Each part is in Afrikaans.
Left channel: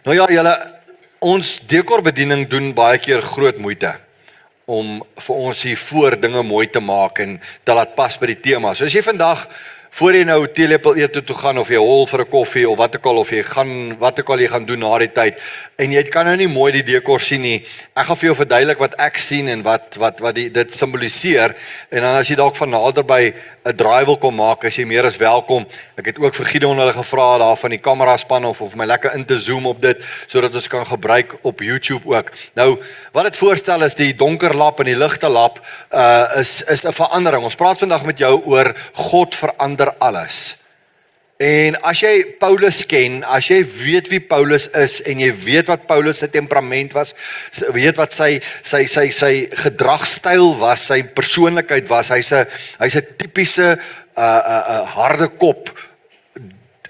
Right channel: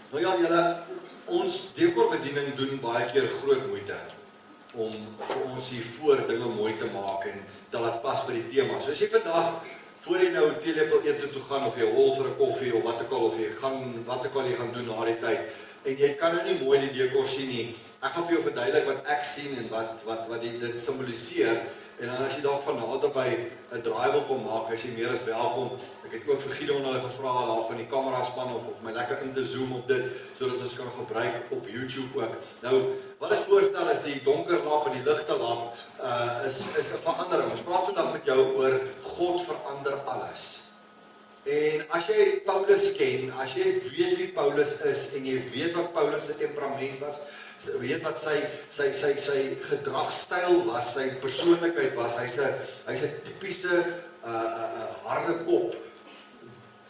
Nou ja, ons dekorbediening doen baie keer groot moeite om vir ons hier voor dinge mooi te maak en dat laat pas by die tema. So as jy vandag voor jy nou teelepel ete toe gaan of jy hol vir 'n koffie of wat ook al of jy gaan wat ook al jy gaan doen na die tyd en jy kan nou nie mooi die dekor sien nie. Ek gaan vir jou verduidelik wat ek sien en wat dit simboliseer en dan as jy dalk van naderby 'n draai wil kom maak, as jy meer as welkom. Ek het ook vir Gideon hulle gevra daar van die kameraspan of my lekker in te zoom op dit sodat ons kan gebruik op YouTube ook. Nou, wat dit voorstel is die donker lap en die ligte lap is 'n verandering. Ons praat vandag met jou oor God verander alles. En as jy Paulus ken, as jy weet wie Paulus is en jy weet wat Paulus se temperament was, weet wat sy gedragstyl was, sy persoonlikheid was, hy's 'n tipiese harde kop,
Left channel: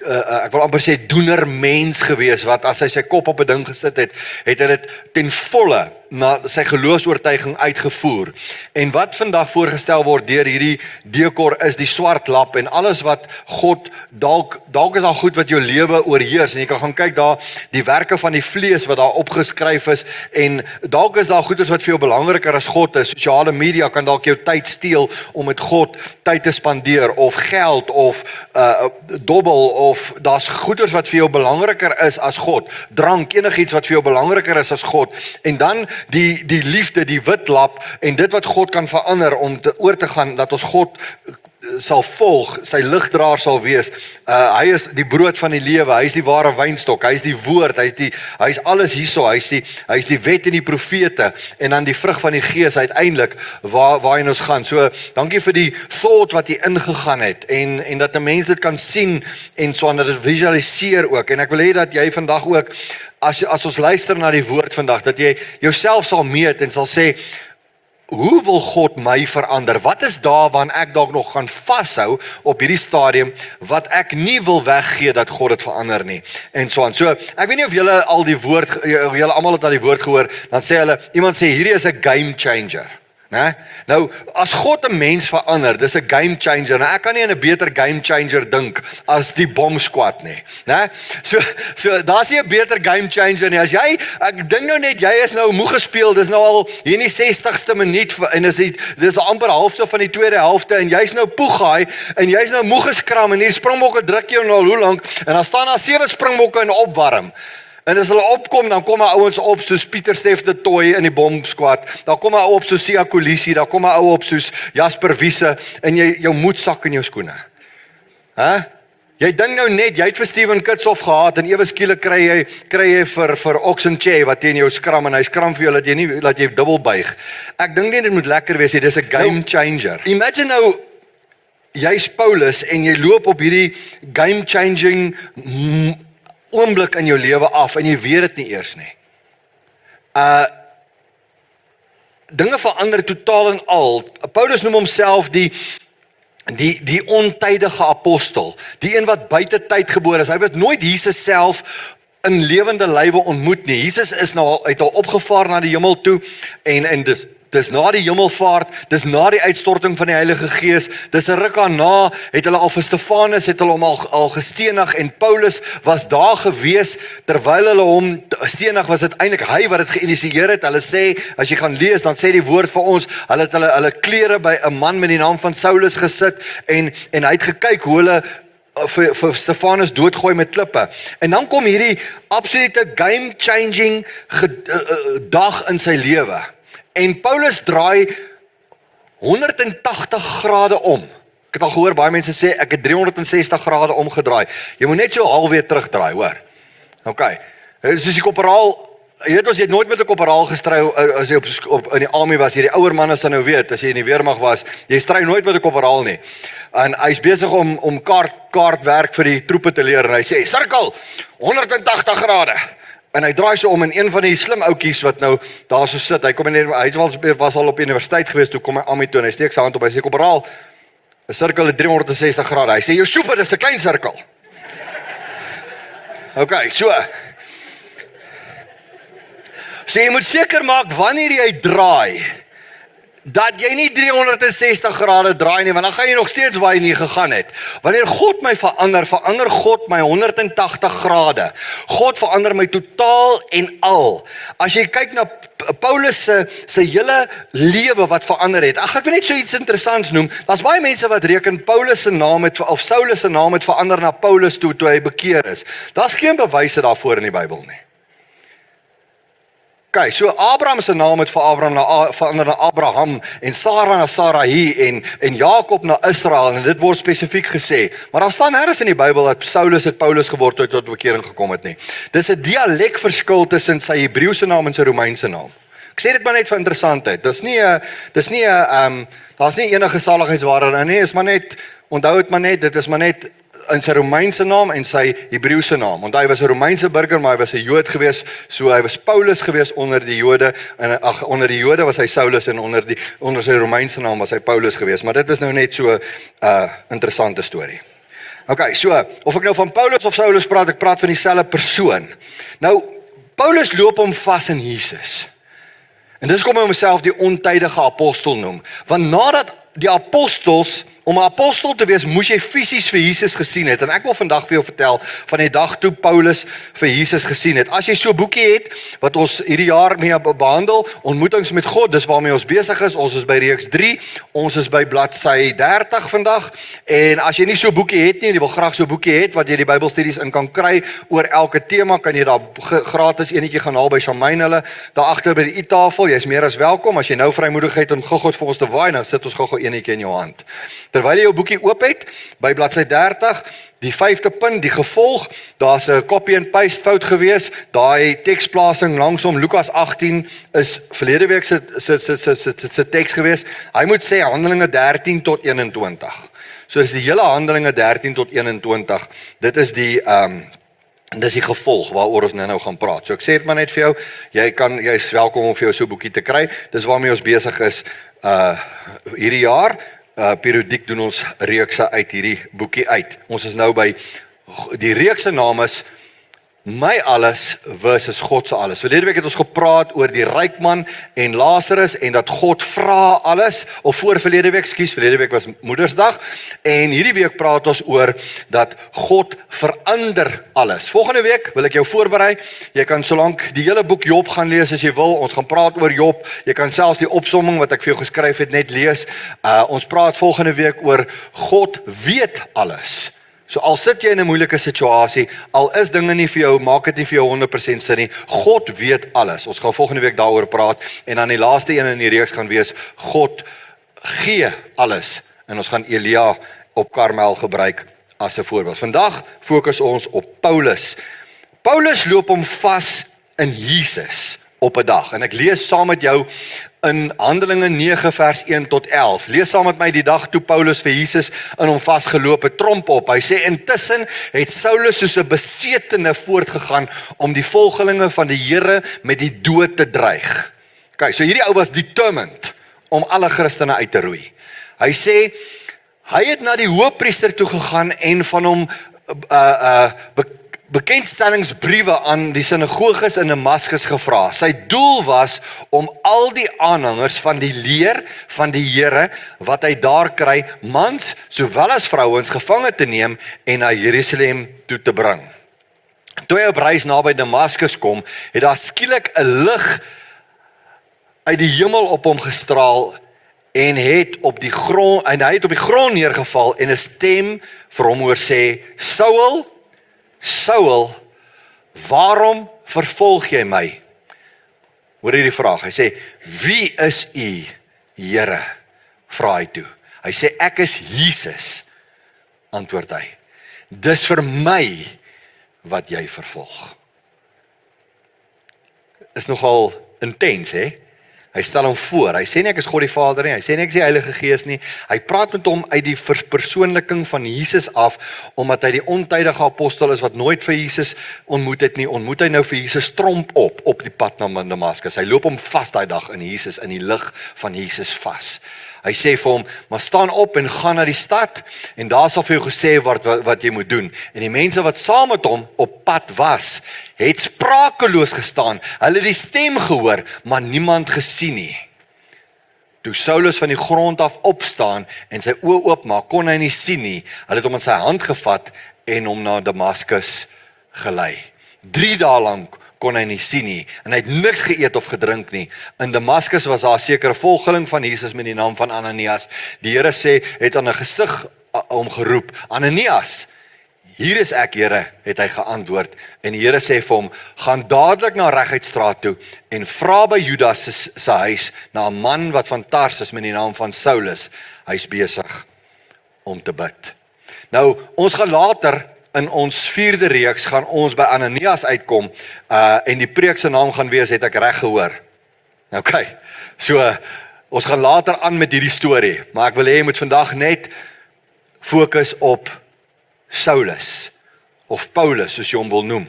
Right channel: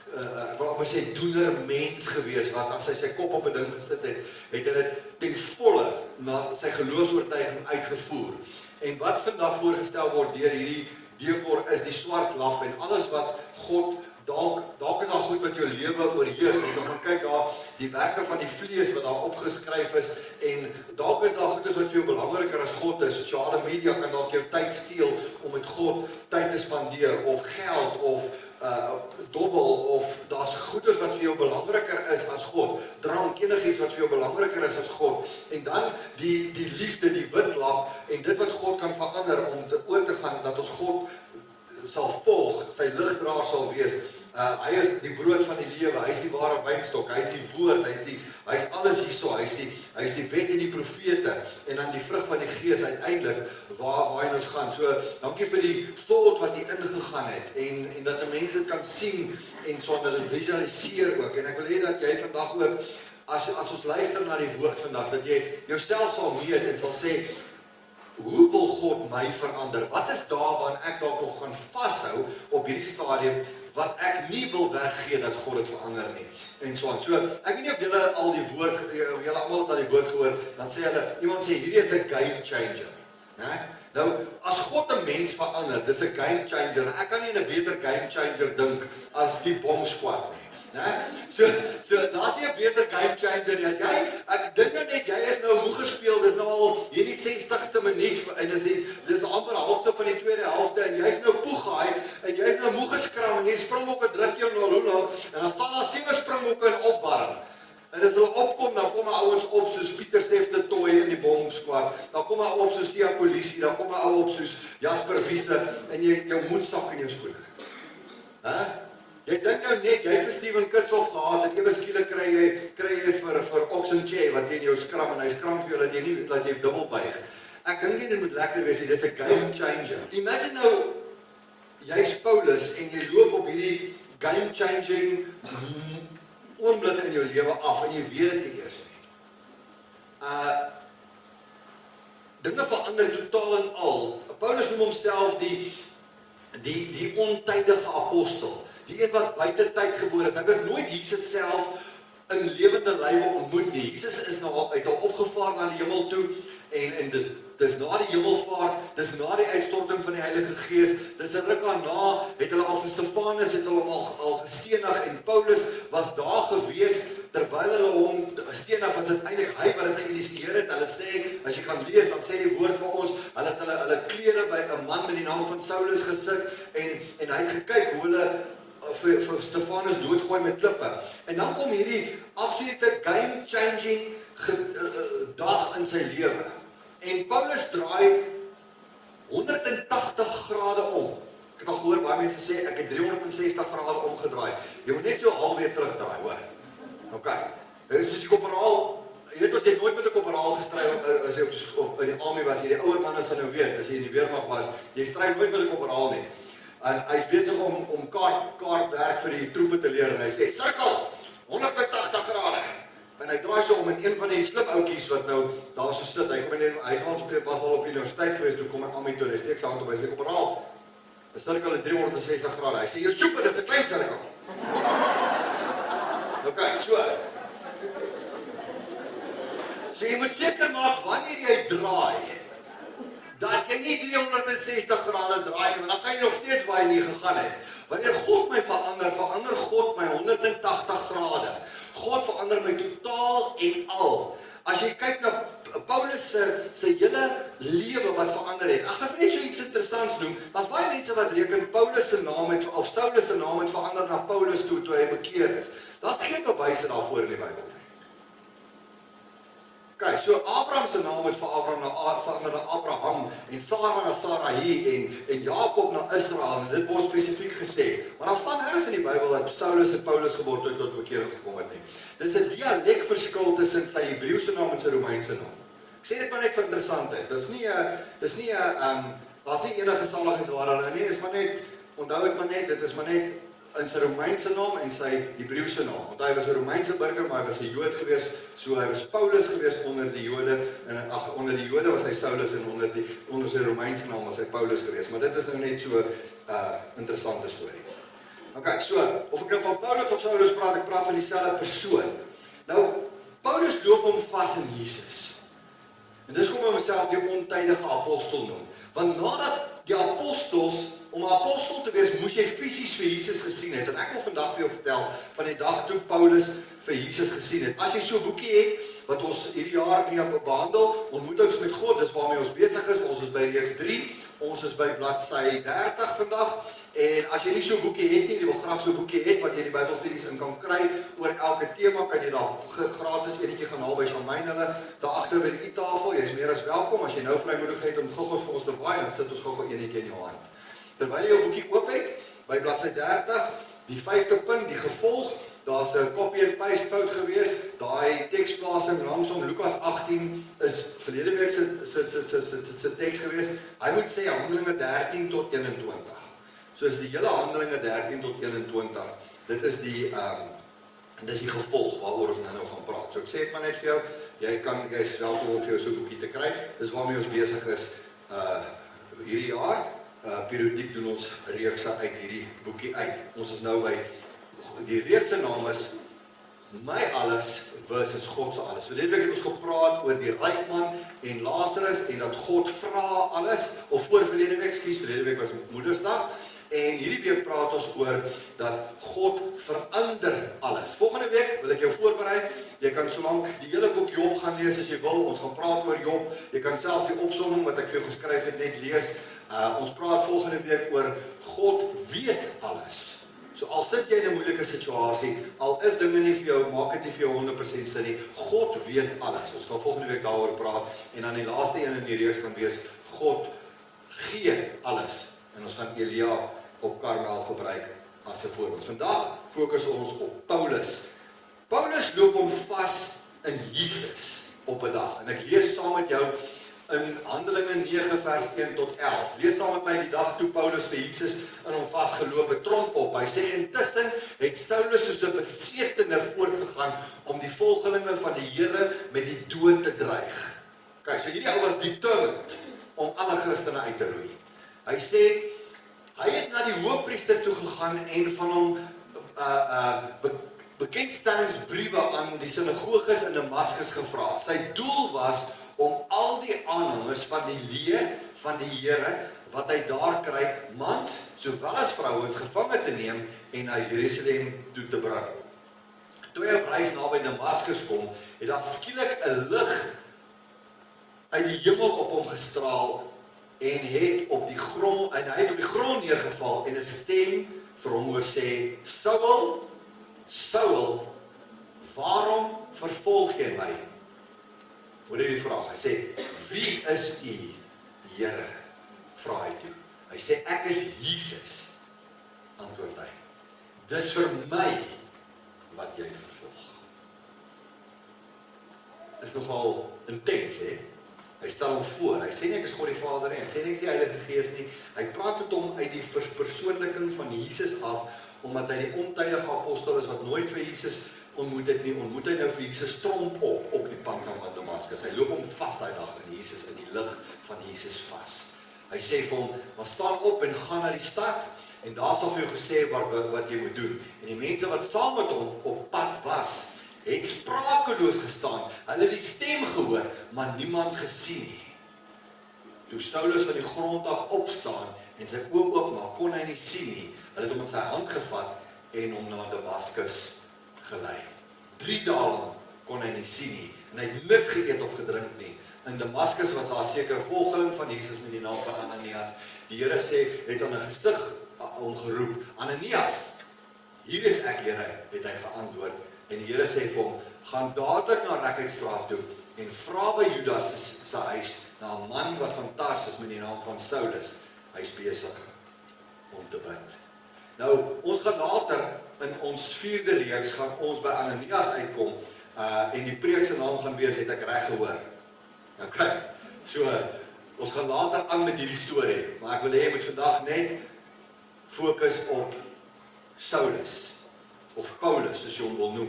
ek wil amper sê doener mens gewees, wat as hy sy kop op 'n ding gesit het, het hy dit ten volle na sy geloofsoortuiging uitgevoer. En wat vandag voorgestel word deur hierdie dekor is die swart lap en alles wat God, dalk is daar goed wat jou lewe oorheers en jy kan gaan kyk daar, die werke van die vlees wat daar opgeskryf is en dalk is daar goeders wat vir jou belangriker as God is. Sosiale media kan dalk jou tyd steel om met God tyd te spandeer of geld of dobbel of daar's goeders wat vir jou belangriker is as God. Drank, enigiets wat vir jou belangriker is as God. En dan die liefde, die wit lap en dit wat God kan verander om oor te gaan, dat ons God sal volg, sy ligdraer sal wees. Hy is die brood van die lewe, hy is die ware wynstok, hy is die woord, hy is alles hierso, hy is die wet en die profete en dan die vrug van die gees uiteindelik waarheen ons gaan. So, dankie vir die thought wat hier ingegaan het en dat 'n mens dit kan sien en so en dat dit visualiseer ook. En ek wil hê dat jy vandag ook as ons luister na die woord vandag, dat jy jouself sal meet en sal sê, hoe wil God my verander? Wat is daar waaraan ek dalk nog gaan vashou op hierdie stadium, wat ek nie wil weggee dat God dit verander nie? En so aan. So, ek weet nie of julle al die woord, julle almal het al die woord gehoor, dan sê hulle, iemand sê, hierdie is 'n game changer. Nee? Nou, as God 'n mens verander, dis 'n game changer. Nou, ek kan nie aan 'n beter game changer dink as die Bomb Squad nie. Nee? So daar's nie 'n beter game changer nie. As jy, ek dink nou net, jy is nou moeg gespeel, dis nou al hier in die 60ste minuut en dis amper halfte van die tweede helfte en jy's nou poegaai en jy's nou moeg geskram en hier springbokke druk jou nou hoe lank en dan staan daar 7 springbokke in opwarming. En as hulle opkom, dan kom daar ouens op soos Pieter Steff de Tooy in die Bomb Squad. Dan kom daar op soos Sia Kolisi, dan kom daar ou op soos Jasper Wiese en jou moed sak in jou skoene. Jy dink nou net, jy het vir Steven Kitshoff gehad en ewe skielik kry jy vir Oxenche wat teen jou skram en hy skram vir jou dat jy dubbel buig. Ek dink nie dit moet lekker wees nie, dis 'n game changer. Imagine nou, jy's Paulus en jy loop op hierdie game changing oomblik in jou lewe af en jy weet dit nie eers nie. Dinge verander totaal en al. Paulus noem homself die ontydige apostel, die een wat buite tyd gebore is. Hy het nooit Jesus self in lewende lywe ontmoet nie. Jesus is nou uit al opgevaar na die hemel toe en dis na die hemelvaart, dis na die uitstorting van die Heilige Gees, dis 'n ruk daarna, het hulle al vir Stefanus, het hulle hom al gestenig, en Paulus was daar gewees, terwyl hulle hom stenig, was dit eintlik hy wat dit geïnisieer het. Hulle sê, as jy gaan lees, dan sê die woord vir ons, hulle het hulle klere by 'n man met die naam van Saulus gesit, en hy het gekyk hoe hulle vir Stefanus doodgooi met klippe. En dan kom hierdie absolute game-changing dag in sy lewe. En Paulus draai 180 grade om. Ek het al gehoor, baie mense sê, ek het 360 grade omgedraai. Jy moet net so halfweg terugdraai, hoor. Ok, soos die korporaal, jy weet ons, jy het nooit met 'n korporaal gestry, as jy in die army was, jy die ouer manne sal nou weet, as jy in die weermag was, jy stry nooit met 'n korporaal nie. En hy is besig om kaartwerk vir die troepe te leer, en hy sê, sirkel, 180 grade. En hy draai so om, en een van die slim oukies wat nou daar so sit, hy was al op universiteit gewees, toe kom hy aan my toe, en hy steek sy hand op, hy sê, korporaal, 'n sirkel is 360 grade, hy sê, jou super, dis 'n klein sirkel. Ok, so jy moet seker maak, wanneer jy draai, dat jy nie 360 grade draai nie, want dan gaan jy nog steeds waar jy nie gegaan het. Wanneer God my verander God my 180 grade. God verander my totaal en al. As jy kyk na Paulus se hele lewe wat verander het. Ek wil net so iets interessants noem. Daar's baie mense wat reken Paulus se naam het of Saulus se naam het verander na Paulus toe hy bekeer is. Daar's geen bewyse daarvoor in die Bybel nie. Okay, so Abraham se naam het verander na Abraham en Sarah na Sarai en Jakob na Israel en dit word spesifiek gesê. Maar daar staan nêrens in die Bybel dat Saulus het Paulus geword toe hy tot bekering gekom het nie. Dis 'n dialekverskil tussen sy Hebreëse naam en sy Romeinse naam. Ek sê dit maar net vir interessantheid. Daar's nie enige saligheidsware nie, is maar net onthou dit maar net, dit is maar net in sy Romeinse naam en sy Hebreëse naam. Want hy was 'n Romeinse burger, maar hy was 'n Jood gewees, so hy was Paulus gewees onder die Jode en onder die Jode was hy Saulus en onder sy Romeinse naam was hy Paulus gewees. Maar dit is nou net so interessante storie. Okay, so of ek nou van Paulus of Saulus praat, ek praat van dieselfde persoon. Nou Paulus loop hom vas in Jesus. En dis kom hy homself die ontydige apostel noem. Want nadat die apostels om 'n apostel te wees, moes jy fisies vir Jesus gesien het. En ek wil vandag vir jou vertel van die dag toe Paulus vir Jesus gesien het. As jy so 'n boekie het, wat ons hierdie jaar mee behandel, ontmoetings met God, dis waarmee ons besig is. Ons is by reeks 3, ons is by bladsy 30 vandag. En as jy nie so 'n boekie het nie, en jy wil graag so 'n boekie hê wat jy die Bybelstudies in kan kry oor elke tema, kan jy daar gratis enetjie gaan haal by Shamaine hulle, daar agter by die eettafel. Jy's meer as welkom. As jy nou vrymoedigheid om God vir ons te waai, dan sit ons gou enetjie in jou hand. Terwyl jy jou boekie oop het, by bladsy 30, die 5de punt, die gevolg, daar's 'n copy and paste fout gewees, daai teksplasing langsom, Lukas 18 is verlede week se teks gewees, hy moet sê Handelinge 13 tot 21. So is die hele Handelinge 13 tot 21, dit is die gevolg waaroor ons nou gaan praat. So ek sê dit maar net vir jou, jy is welkom om vir jou so 'n boekie te kry, dis waarmee ons besig is hierdie jaar. Periodiek doen ons reekse uit hierdie boekie uit. Ons is nou by, die reeks se naam is My Alles versus God se Alles. Verlede week het ons gepraat oor die ryk man en Lazarus en dat God vra alles, of verlede week was Moedersdag, en hierdie week praat ons oor dat God verander alles. Volgende week wil ek jou voorberei, jy kan solank die hele boek Job gaan lees as jy wil, ons gaan praat oor Job, jy kan selfs die opsomming wat ek vir jou geskryf het net lees, ons praat volgende week oor God weet alles. So al sit jy in 'n moeilike situasie, al is dinge nie vir jou, maak dit nie vir jou 100% sin nie, God weet alles. Ons gaan volgende week daaroor praat, en dan die laaste een in die reeks gaan wees, God gee alles, en ons gaan Elia op Karmel gebruik as 'n voorbeeld. Vandag fokus ons op Paulus. Paulus loop hom vas in Jesus op 'n dag, en ek lees saam met jou in Handelinge 9 vers 1 tot 11. Lees saam met my die dag toe Paulus vir Jesus in hom vasgeloop het, tromp op. Hy sê, intussen het Saulus soos 'n besetene voortgegaan om die volgelinge van die Here met die dood te dreig. Okay, so hierdie ou was determined om alle Christene uit te roei. Hy sê, hy het na die hoofpriester toe gegaan en van hom bekendstellingsbriewe aan die sinagoges in Damaskus gevra. Sy doel was om al die aanhangers van die leer van die Here wat hy daar kry, mans sowel as vrouens gevange te neem en na Jerusalem toe te bring. Toe hy op reis naby Damaskus kom, het daar skielik 'n lig uit die hemel op hom gestraal en hy het op die grond neergeval en 'n stem vir hom hoor sê, Saul, Saul, waarom vervolg jy my? Hoor hierdie vraag, hy sê, wie is u, Here? Vra hy toe. Hy sê, ek is Jesus, antwoord hy. Dis vir my wat jy vervolg. Is nogal intens, hè? Hy stel hom voor, hy sê nie ek is God die Vader nie, hy sê nie ek is die Heilige Gees nie, hy praat met hom uit die verpersoonliking van Jesus af, omdat hy die ontydige apostel is wat nooit vir Jesus ontmoet het nie, ontmoet hy nou vir Jesus tromp op die pad na Damaskus. Hy loop hom vas daai dag in Jesus, in die lig van Jesus vas. Hy sê vir hom, maar staan op en gaan na die stad, en daar sal vir jou gesê wat jy moet doen. En die mense wat saam met hom op pad was, het sprakeloos gestaan, hulle het die stem gehoor, maar niemand gesien nie. Toe Saulus van die grond af opstaan en sy oë oopmaak, kon hy nie sien nie. Hulle het hom in sy hand gevat en hom na Damaskus gelei. 3 dae lank kon hy nie sien nie, en hy het niks geëet of gedrink nie. In Damaskus was daar 'n sekere volgeling van Jesus met die naam van Ananias. Die Here sê, het aan 'n gesig hom geroep, Ananias, hier is ek, Here, het hy geantwoord. En die Here sê vir hom, gaan dadelik na Reguitstraat toe en vra by Judas se huis na 'n man wat van Tarsus met die naam van Saulus. Hy's besig om te bid. Nou, ons gaan later in ons 4de reeks gaan ons by Ananias uitkom, en die preek se naam gaan wees, het ek reg gehoor. OK, so, ons gaan later aan met hierdie storie, maar ek wil hê jy moet vandag net fokus op Saulus, of Paulus, soos jy hom wil noem.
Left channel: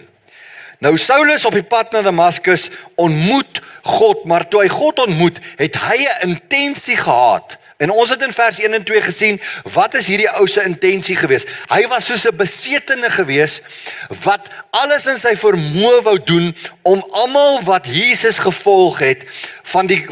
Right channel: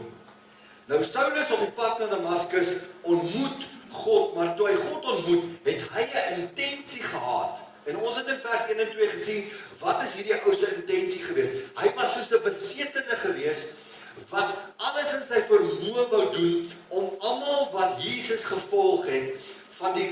Nou, Saulus op die pad na Damaskus ontmoet God, maar toe hy God ontmoet, het hy 'n intensie gehad. En ons het in vers 1 en 2 gesien, wat is hierdie ou se intensie gewees? Hy was soos 'n besetene gewees, wat alles in sy vermoë wou doen, om almal wat Jesus gevolg het,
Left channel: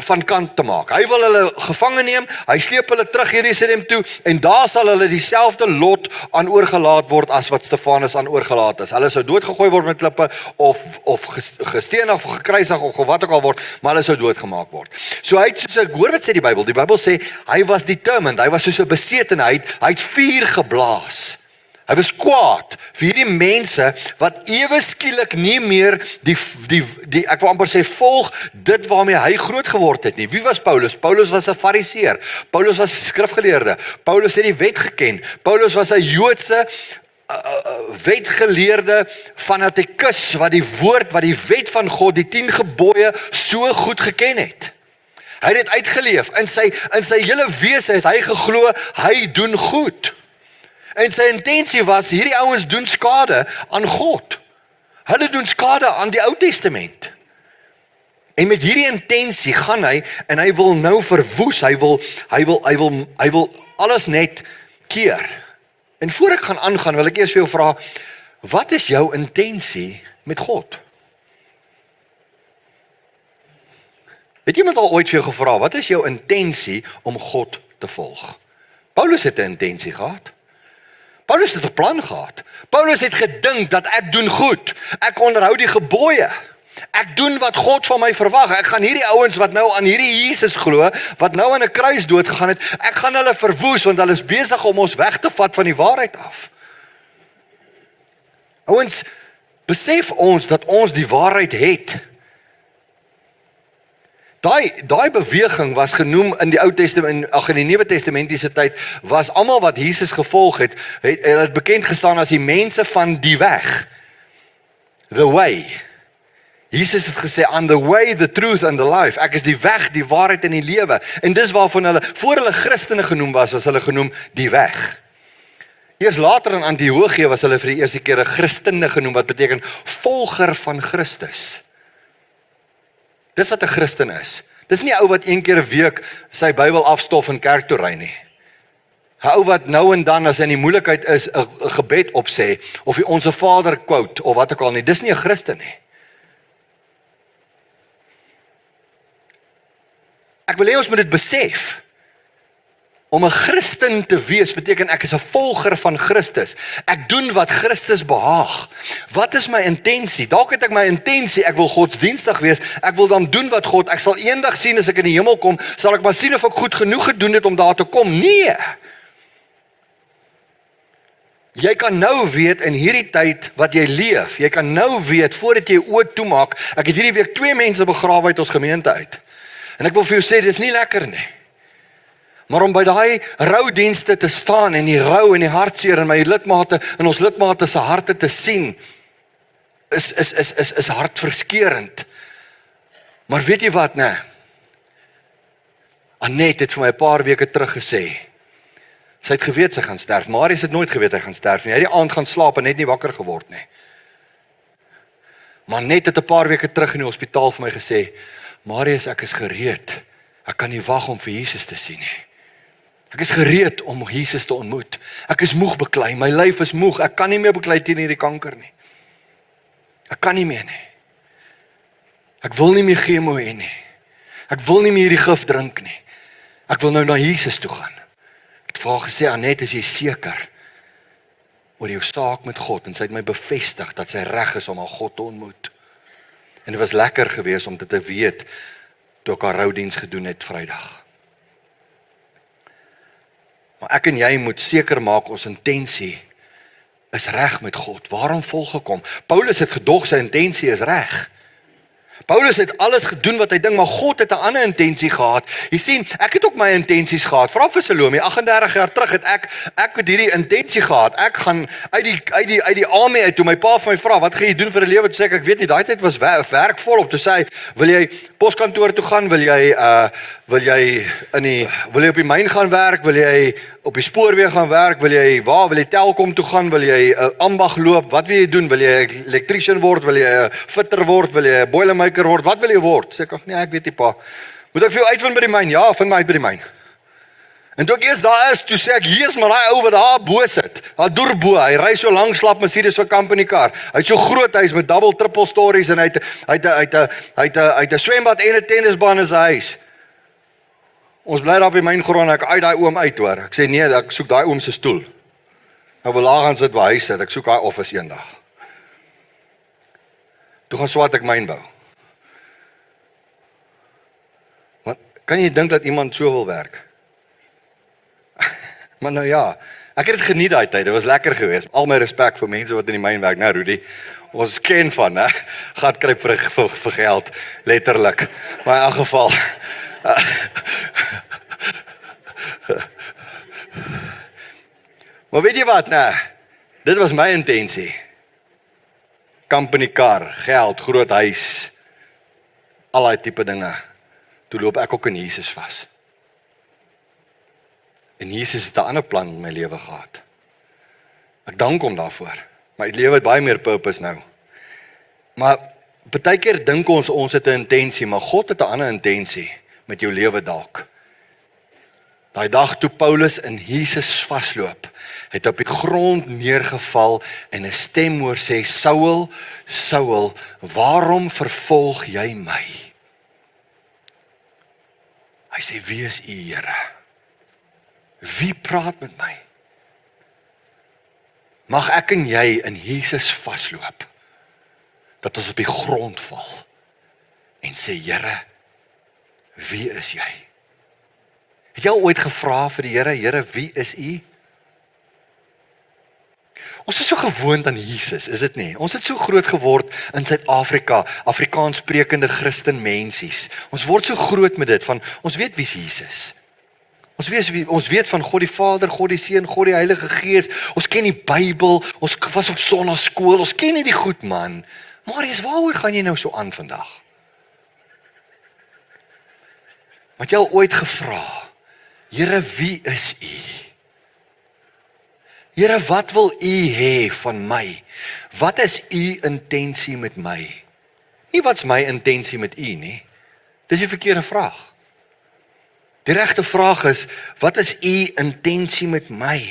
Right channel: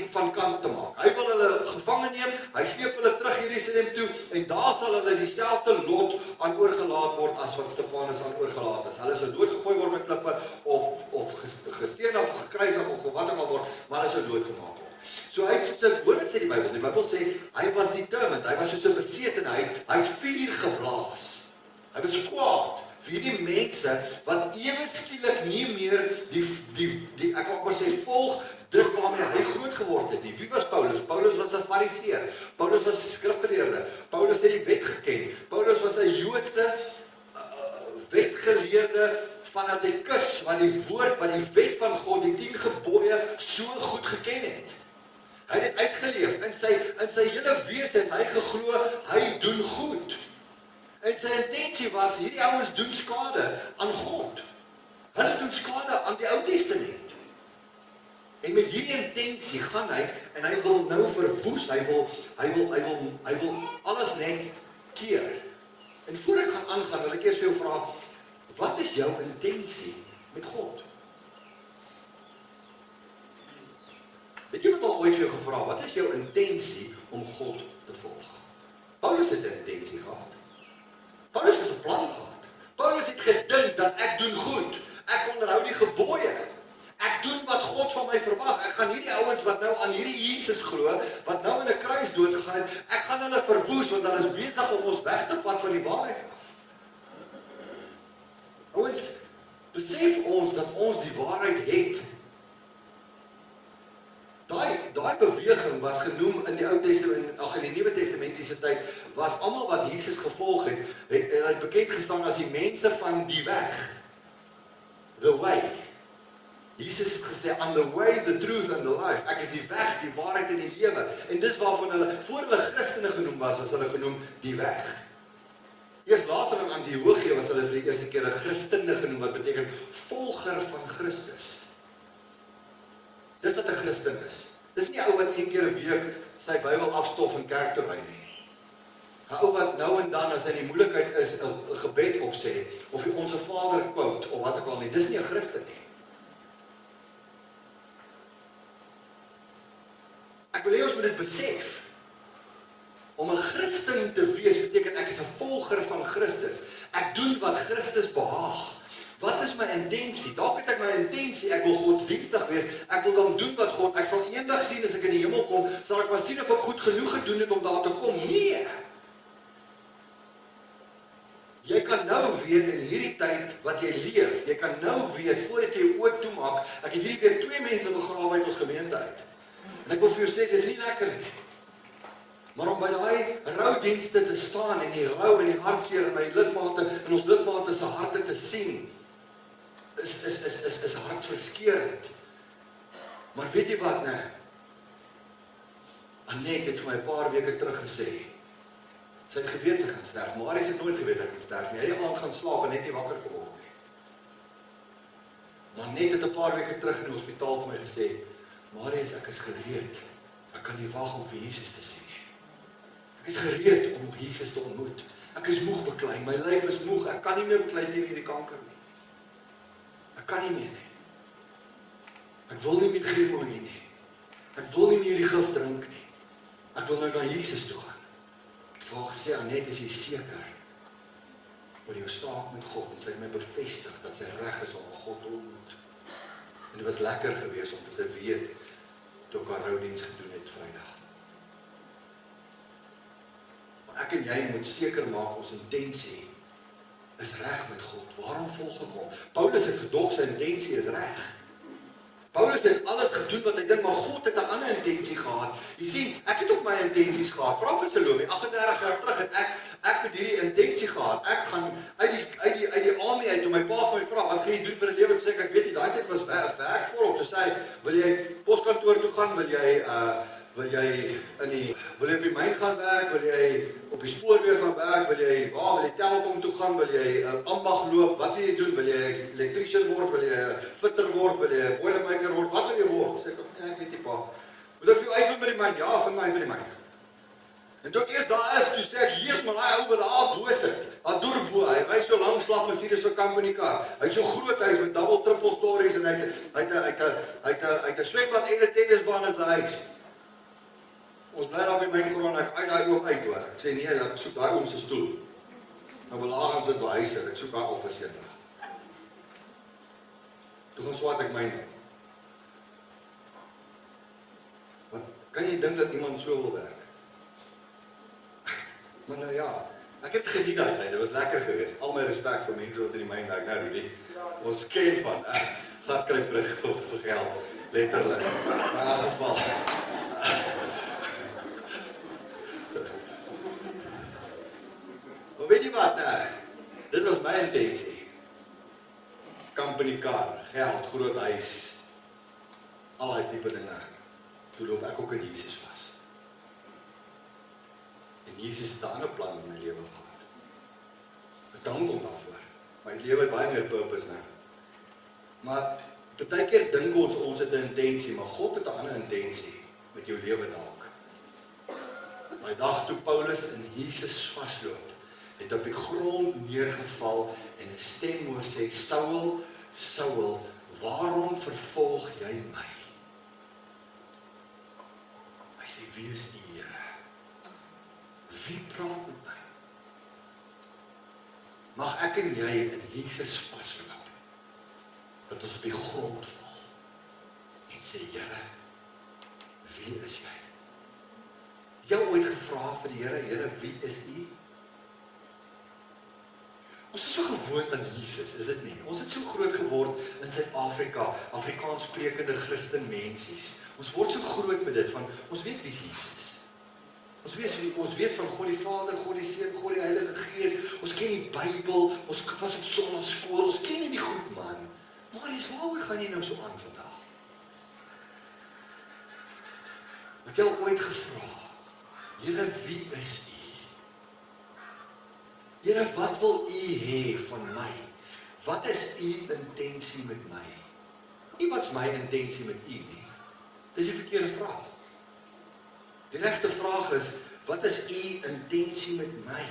van kant te maak. Hy wil hulle gevange neem, hy sleep hulle terug Jerusalem toe, en daar sal hulle dieselfde lot aan oorgelaat word, as wat Stefanus aan oorgelaat is. Hulle sou doodgegooi word met klippe, of gestenig, of gekruisig, of wat ook al word, maar hulle sou doodgemaak word. So hy het, hoor wat sê die Bybel sê, hy was determined, hy was soos 'n besetene, hy het vuur geblaas. Hy was kwaad vir hierdie mense wat ewe skielik nie meer ek wil amper sê volg dit waarmee hy groot geword het nie. Wie was Paulus? Paulus was 'n fariseer. Paulus was 'n skrifgeleerde. Paulus het die wet geken. Paulus was 'n Joodse wetgeleerde fanatikus wat die wet van God, die 10 gebooie so goed geken het. Hy het dit uitgeleef. In sy hele wese het hy geglo, hy doen goed. En sy intensie was, hierdie ouens doen skade aan God. Hulle doen skade aan die Ou Testament. En met hierdie intensie gaan hy, en hy wil nou verwoes, hy wil alles net keer. En voor ek gaan aangaan, wil ek eers vir jou vra, wat is jou intensie met God? Het iemand al ooit vir jou gevra, wat is jou intensie om God te volg? Paulus het 'n intensie gehad. Paulus het 'n plan gehad. Paulus het gedink dat ek doen goed. Ek onderhou die gebooie. Ek doen wat God van my verwag. Ek gaan hierdie ouens wat nou aan hierdie Jesus glo, wat nou aan 'n kruis dood gegaan het, ek gaan hulle verwoes, want hulle is besig om ons weg te vat van die waarheid af. Ouens, besef ons dat ons die waarheid het. Daai beweging was genoem in die Ou Testament, in die Nuwe Testamentiese tyd, was almal wat Jesus gevolg het bekend gestaan as die mense van die weg. The way. Jesus het gesê, I'm the way, the truth and the life. Ek is die weg, die waarheid en die lewe. En dis waarvan hulle, voor hulle Christene genoem was hulle genoem die weg. Eers later in Antiochië was hulle vir die eerste keer 'n Christene genoem, wat beteken volger van Christus. Dis wat 'n Christen is. Dis nie 'n ou wat een keer 'n week sy Bybel afstof en kerk toe ry nie. 'n Ou wat nou en dan, as hy in die moeilikheid is, 'n gebed opsê, of die Onse Vader quote, of wat ook al nie. Dis nie 'n Christen nie. Ek wil hê ons moet dit besef. Om 'n Christen te wees beteken ek is 'n volger van Christus. Ek doen wat Christus behaag. Wat is my intensie? Dalk het ek my intensie, ek wil godsdienstig wees. Ek wil dan doen wat God, ek sal eendag sien as ek in die hemel kom, sal ek maar sien of ek goed genoeg gedoen het om daar te kom. Nee. Jy kan nou weet in hierdie tyd wat jy leef. Jy kan nou weet voordat jy oë toemaak. Ek het hierdie week 2 mense begrawe uit ons gemeente uit. En ek wil vir jou sê, dis nie lekker nie. Maar om by daai roudienste te staan en die rou en die hartseer in my lidmate, in ons lidmate se harte te sien, is hartverskeurend. Maar weet jy wat, nee? Annette het vir my 'n paar weke terug gesê, sy het geweet sy gaan sterf. Marius het nooit geweet hy gaan sterf nie. Hy het die aand gaan slaap en net nie wakker geword nie. Maar Annette het 'n paar weke terug in die hospitaal vir my gesê, Marius, ek is gereed. Ek kan nie wag om vir Jesus te sien nie. Ek is gereed om Jesus te ontmoet. Ek is moeg beklei, my lyf is moeg. Ek kan nie meer beklei teen hierdie kanker nie. Ek kan nie meer nie. Ek wil nie meer chemo hê nie. Ek wil nie meer hierdie gif drink nie. Ek wil nou na Jesus toe gaan. Ek het vir haar gesê, Annette, is jy seker oor jou saak met God? En sy het my bevestig dat sy reg is om haar God te ontmoet. En dit was lekker geweest om dit te weet toe ek haar roudiens gedoen het Vrydag. Maar ek en jy moet seker maak ons intensie is reg met God. Waarom volgekom? Paulus het gedog sy intensie is reg. Paulus het alles gedoen wat hy dink, maar God het 'n ander intensie gehad. Jy sien, ek het ook my intensies gehad. Vra vir Salome, 38 jaar terug het ek met hierdie intensie gehad. Ek gaan uit die army uit toe my pa vir my vra, wat gaan jy doen vir 'n lewe? Toe sê ek weet nie, daai tyd was werk volop. Toe sê hy, wil jy poskantoor toe gaan? Wil jy op die myn gaan werk? Wil jy op die spoorweeg gaan werk? Wil jy Telkom toe gaan? Wil jy 'n ambag loop? Wat wil jy doen? Wil jy 'n elektriesien word? Wil jy 'n fitter word? Wil jy 'n boilermaker word? Wat wil jy word? Sê ek, nee, ek weet nie pa. Moet ek vir jou uitvind by die myn? Ja, vind my uit by die myn. En toe ek eers daar is, toe sê ek, Jesus, maar daai ou wat daar bo sit, daar deurbo, hy ry so lank slap Mercedes so company car. Hy het so groot huis met double triple stories en hy het 'n swembad en 'n tennisbaan in sy huis. Ons bly daar op die myngrond, ek uit daai oom uit hoor. Ek sê nee, ek soek daai oom se stoel. Nou belaag gaan sit waar hy sit. Ek soek daai office eendag. Toe gaan swat ek myn bou. Maar kan jy dink dat iemand so wil werk? Maar nou ja, ek het dit geniet daai tyd. Dit was lekker geweest. Al my respek vir mense wat in die myn werk. Nou Rudy, ons ken van, hè. Gat kruip vir geld, letterlik. Maar in elk geval maar weet jy wat, nee, dit was my intensie. Company car, geld, groot huis, al die tipe dinge. Toe loop ek ook in Jesus vas. En Jesus het 'n ander plan in my lewe gehad. Ek dank hom daarvoor. My lewe het baie meer purpose nou. Maar baie keer dink ons het 'n intensie, maar God het 'n ander intensie met jou lewe dalk. Daai dag toe Paulus in Jesus vasloop, het op die grond neergeval en 'n stem hoor sê, Saul, Saul, waarom vervolg jy my? Hy sê, wie is u, Here? Wie praat met my? Mag ek en jy in Jesus vasloop, dat ons op die grond val en sê, Here, wie is jy? Het jy al ooit gevra vir die Here, Here, wie is u? Ons is so gewoond aan Jesus, is dit nie? Ons het so groot geword in Suid-Afrika, Afrikaans sprekende Christen mensies. Ons word so groot met dit, van ons weet wie is Jesus. Ons weet van God die Vader, God die Seun, God die Heilige Gees. Ons ken die Bybel, ons was op sonnaskool, ons ken nie die goed, man. Marius, waaroor gaan jy nou so aan vandag? Het jy al ooit gevra, Here, wie is u? Here, wat wil u hê van my? Wat is u intensie met my? Nie wat's my intensie met u nie. Dis die verkeerde vraag. Die regte vraag is, wat is u intensie met my?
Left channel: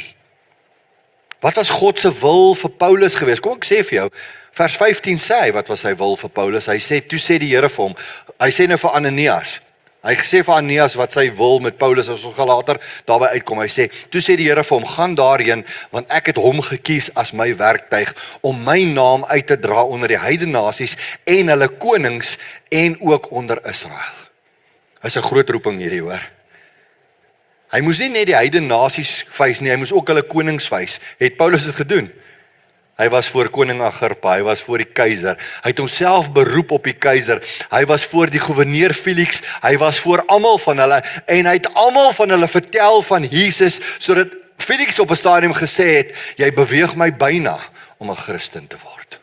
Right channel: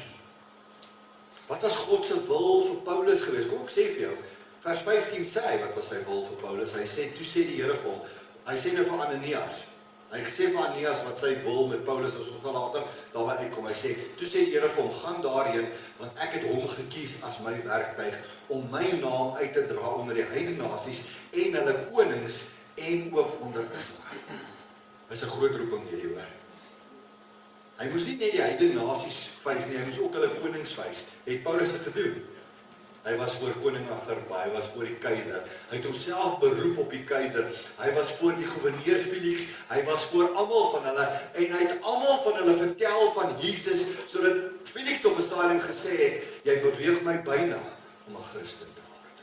Wat was God se wil vir Paulus geweest? Kom ek sê vir jou, vers 15 sê hy, wat was sy wil vir Paulus? Hy sê, toe sê die Here vir hom, hy sê nou vir Ananias, hy gesê vir Ananias wat sy wil met Paulus, as ons later daarby uitkom, hy sê, toe sê die Here vir hom, gaan daarheen, want ek het hom gekies as my werktuig, om my naam uit te dra onder die heidene nasies, en hulle konings, en ook onder Israel. Dis 'n groot roeping hierdie, hoor. Hy moes nie net die heidene nasies wys nie, hy moes ook hulle konings wys. Het Paulus dit gedoen? Hy was voor koning Agrippa, hy was voor die keiser, hy het homself beroep op die keiser, hy was voor die gouverneur Felix, hy was voor almal van hulle, en hy het almal van hulle vertel van Jesus, sodat Felix op 'n stadium gesê het, jy beweeg my byna om 'n Christen te word.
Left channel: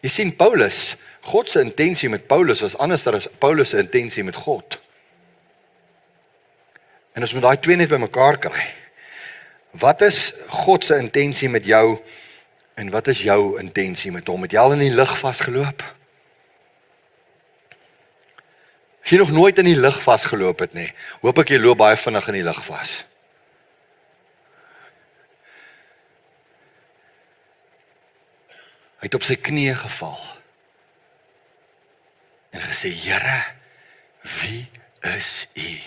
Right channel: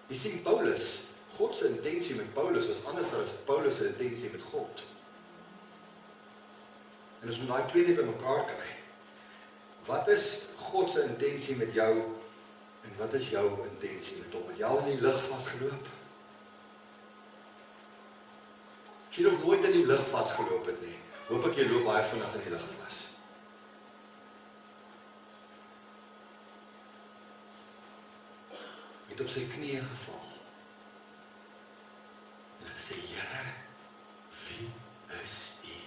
Jy sien, Paulus, God se intensie met Paulus was anders as Paulus se intensie met God. En ons moet daai twee net bymekaar kry. Wat is God se intensie met jou, en wat is jou intensie met hom? Het jy al in die lug vasgeloop? As jy nog nooit in die lug vasgeloop het nie, hoop ek jy loop baie vinnig in die lug vas. Hy het op sy knieë geval en gesê, Here, wie is u?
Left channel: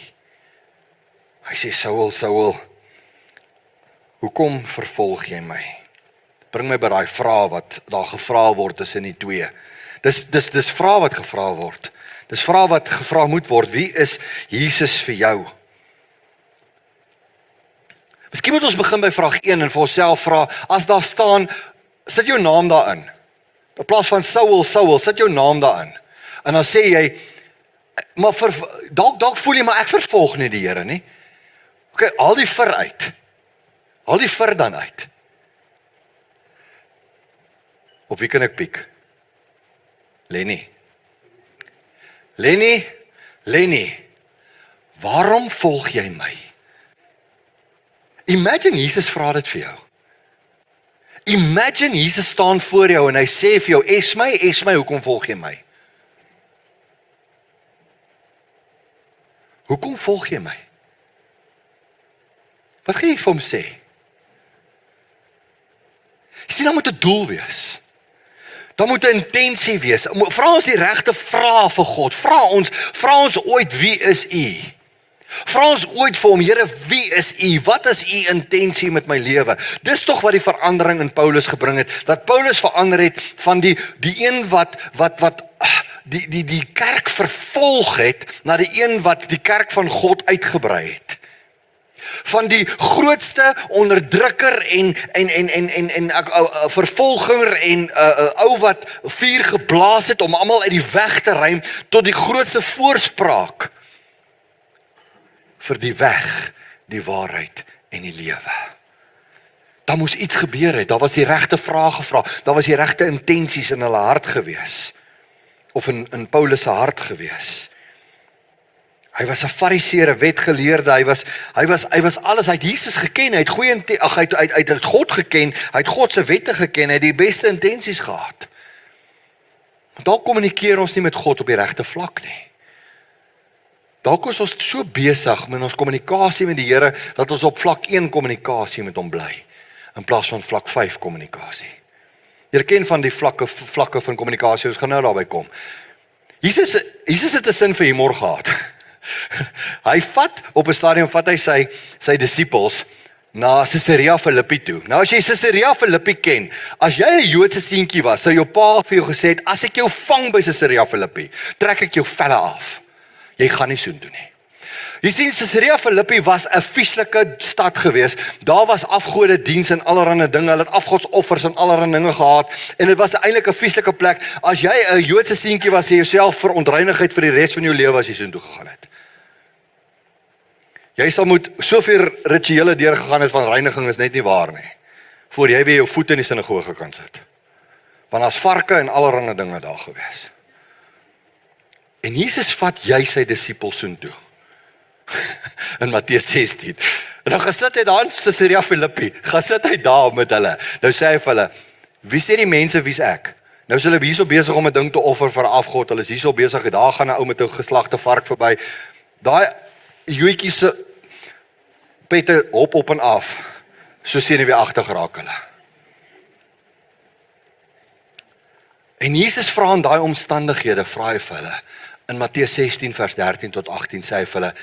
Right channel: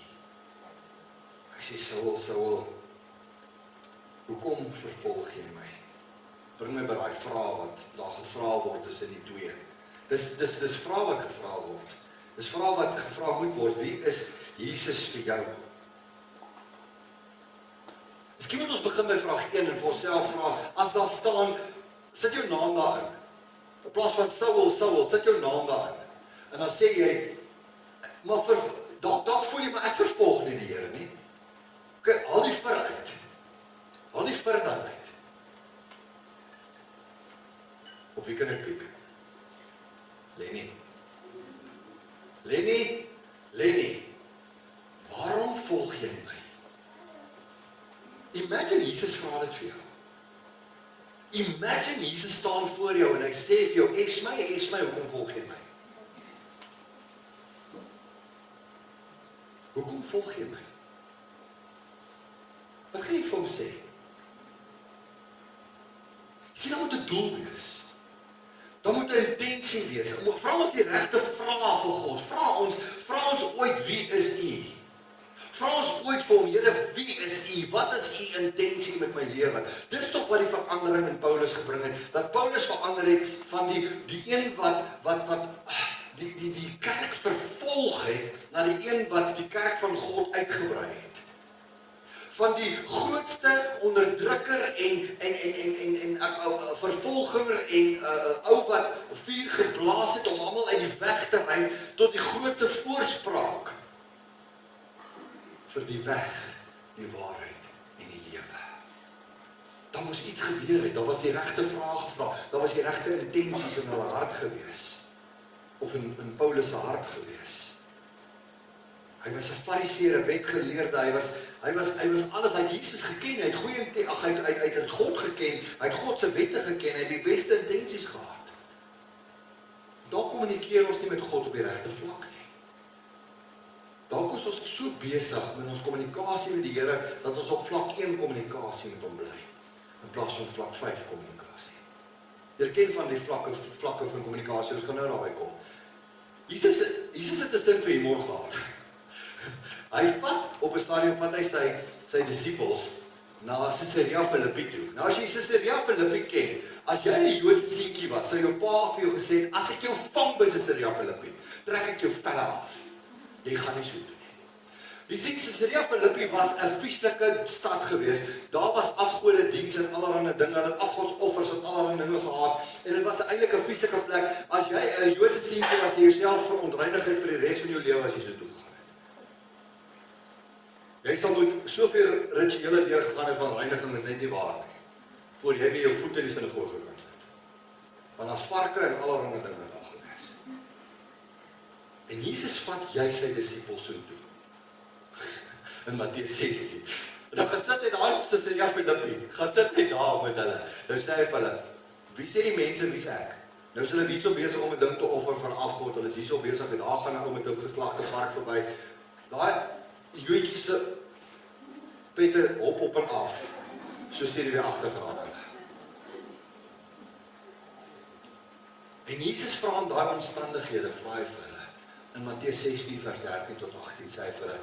Hy sê, Saul, Saul, hoekom vervolg jy my? Bring my by daai vraag wat daar gevra word tussen die twee. Dis vraag wat gevra word. Dis vraag wat gevra moet word, wie is Jesus vir jou? Miskien moet ons begin by vraag 1 en vir onsself vra, as daar staan, sit jou naam daarin. In plaas van Saul, Saul, sit jou naam daarin. En dan sê jy, maar dalk voel jy, maar ek vervolg nie die Here nie. Okay, haal die vir uit. Haal die vir dan uit. Op wie kan ek piek? Lenny. Lenny, waarom volg jy my? Imagine Jesus vra dit vir jou. Imagine Jesus staan voor jou en hy sê vir jou, Esmy, hoekom volg jy my? Hoekom volg jy my? Wat gaan jy vir hom sê? Jy sien, daar moet 'n doel wees. Daar moet 'n intensie wees. Vra ons die regte vrae vir God. Vra ons ooit, wie is U? Vra ons ooit vir hom, Here, wie is U? Wat is U intensie met my lewe? Dis tog wat die verandering in Paulus gebring het. Dat Paulus verander het van die een wat die kerk vervolg het, na die een wat die kerk van God uitgebrei het. Van die grootste onderdrukker en vervolger en ou wat vuur geblaas het om almal uit die weg te ruim, tot die grootste voorspraak vir die weg, die waarheid en die lewe. Daar moes iets gebeur het, daar was die regte vrae gevra, daar was die regte intensies in hulle hart gewees, of in Paulus se hart gewees. Hy was 'n fariseer, 'n wetgeleerde, hy was alles, hy het Jesus geken, hy het God geken, hy het God se wette geken, hy het die beste intensies gehad. Maar dalk kommunikeer ons nie met God op die regte vlak nie. Dalk is ons so besig met ons kommunikasie met die Here, dat ons op vlak 1 kommunikasie met hom bly, in plaas van vlak 5 kommunikasie. Jy ken van die vlakke van kommunikasie, ons gaan nou daarby kom. Jesus het 'n sin vir humor gehad. Op 'n stadium vat hy sy disippels na Caesarea Philippi toe. Nou as jy Caesarea Philippi ken, as jy 'n Joodse seentjie was, sou jou pa vir jou gesê het, as ek jou vang by Caesarea Philippi, trek ek jou velle af. Jy gaan nie so doen nie. Jy sien, Caesarea Philippi was 'n vieslike stad gewees. Daar was afgode diens en allerlei dinge. Hulle het afgodsoffers en allerlei dinge gehad. En dit was eintlik 'n vieslike plek. As jy 'n Joodse seentjie was, jy jouself verontreinigheid vir die res van jou lewe as jy so toe gegaan het. Jy sal moet soveel rituele deurgegaan het van reiniging is net nie waar nie. Voor jy weer jou voet in die sinagoge kan sit. Want as varke en allerlei dinge daar gewees. En Jesus vat jy sy disippels so toe. In Matteus 16. En dan gaan sit hy daar in Caesarea Philippi, gaan sit hy daar met hulle. Nou sê hy vir hulle, wie sê die mense wie's ek? Nou is hulle hierso besig om 'n ding te offer vir 'n afgod. Hulle is hierso besig, daar gaan 'n ou met 'n geslagte vark verby. Daai joetjie se pette hop op en af. So sien hy weer agter geraak hulle. En Jesus vra in daai omstandighede, vra hy vir hulle. In Matteus 16 vers 13 tot 18 sê hy vir hulle,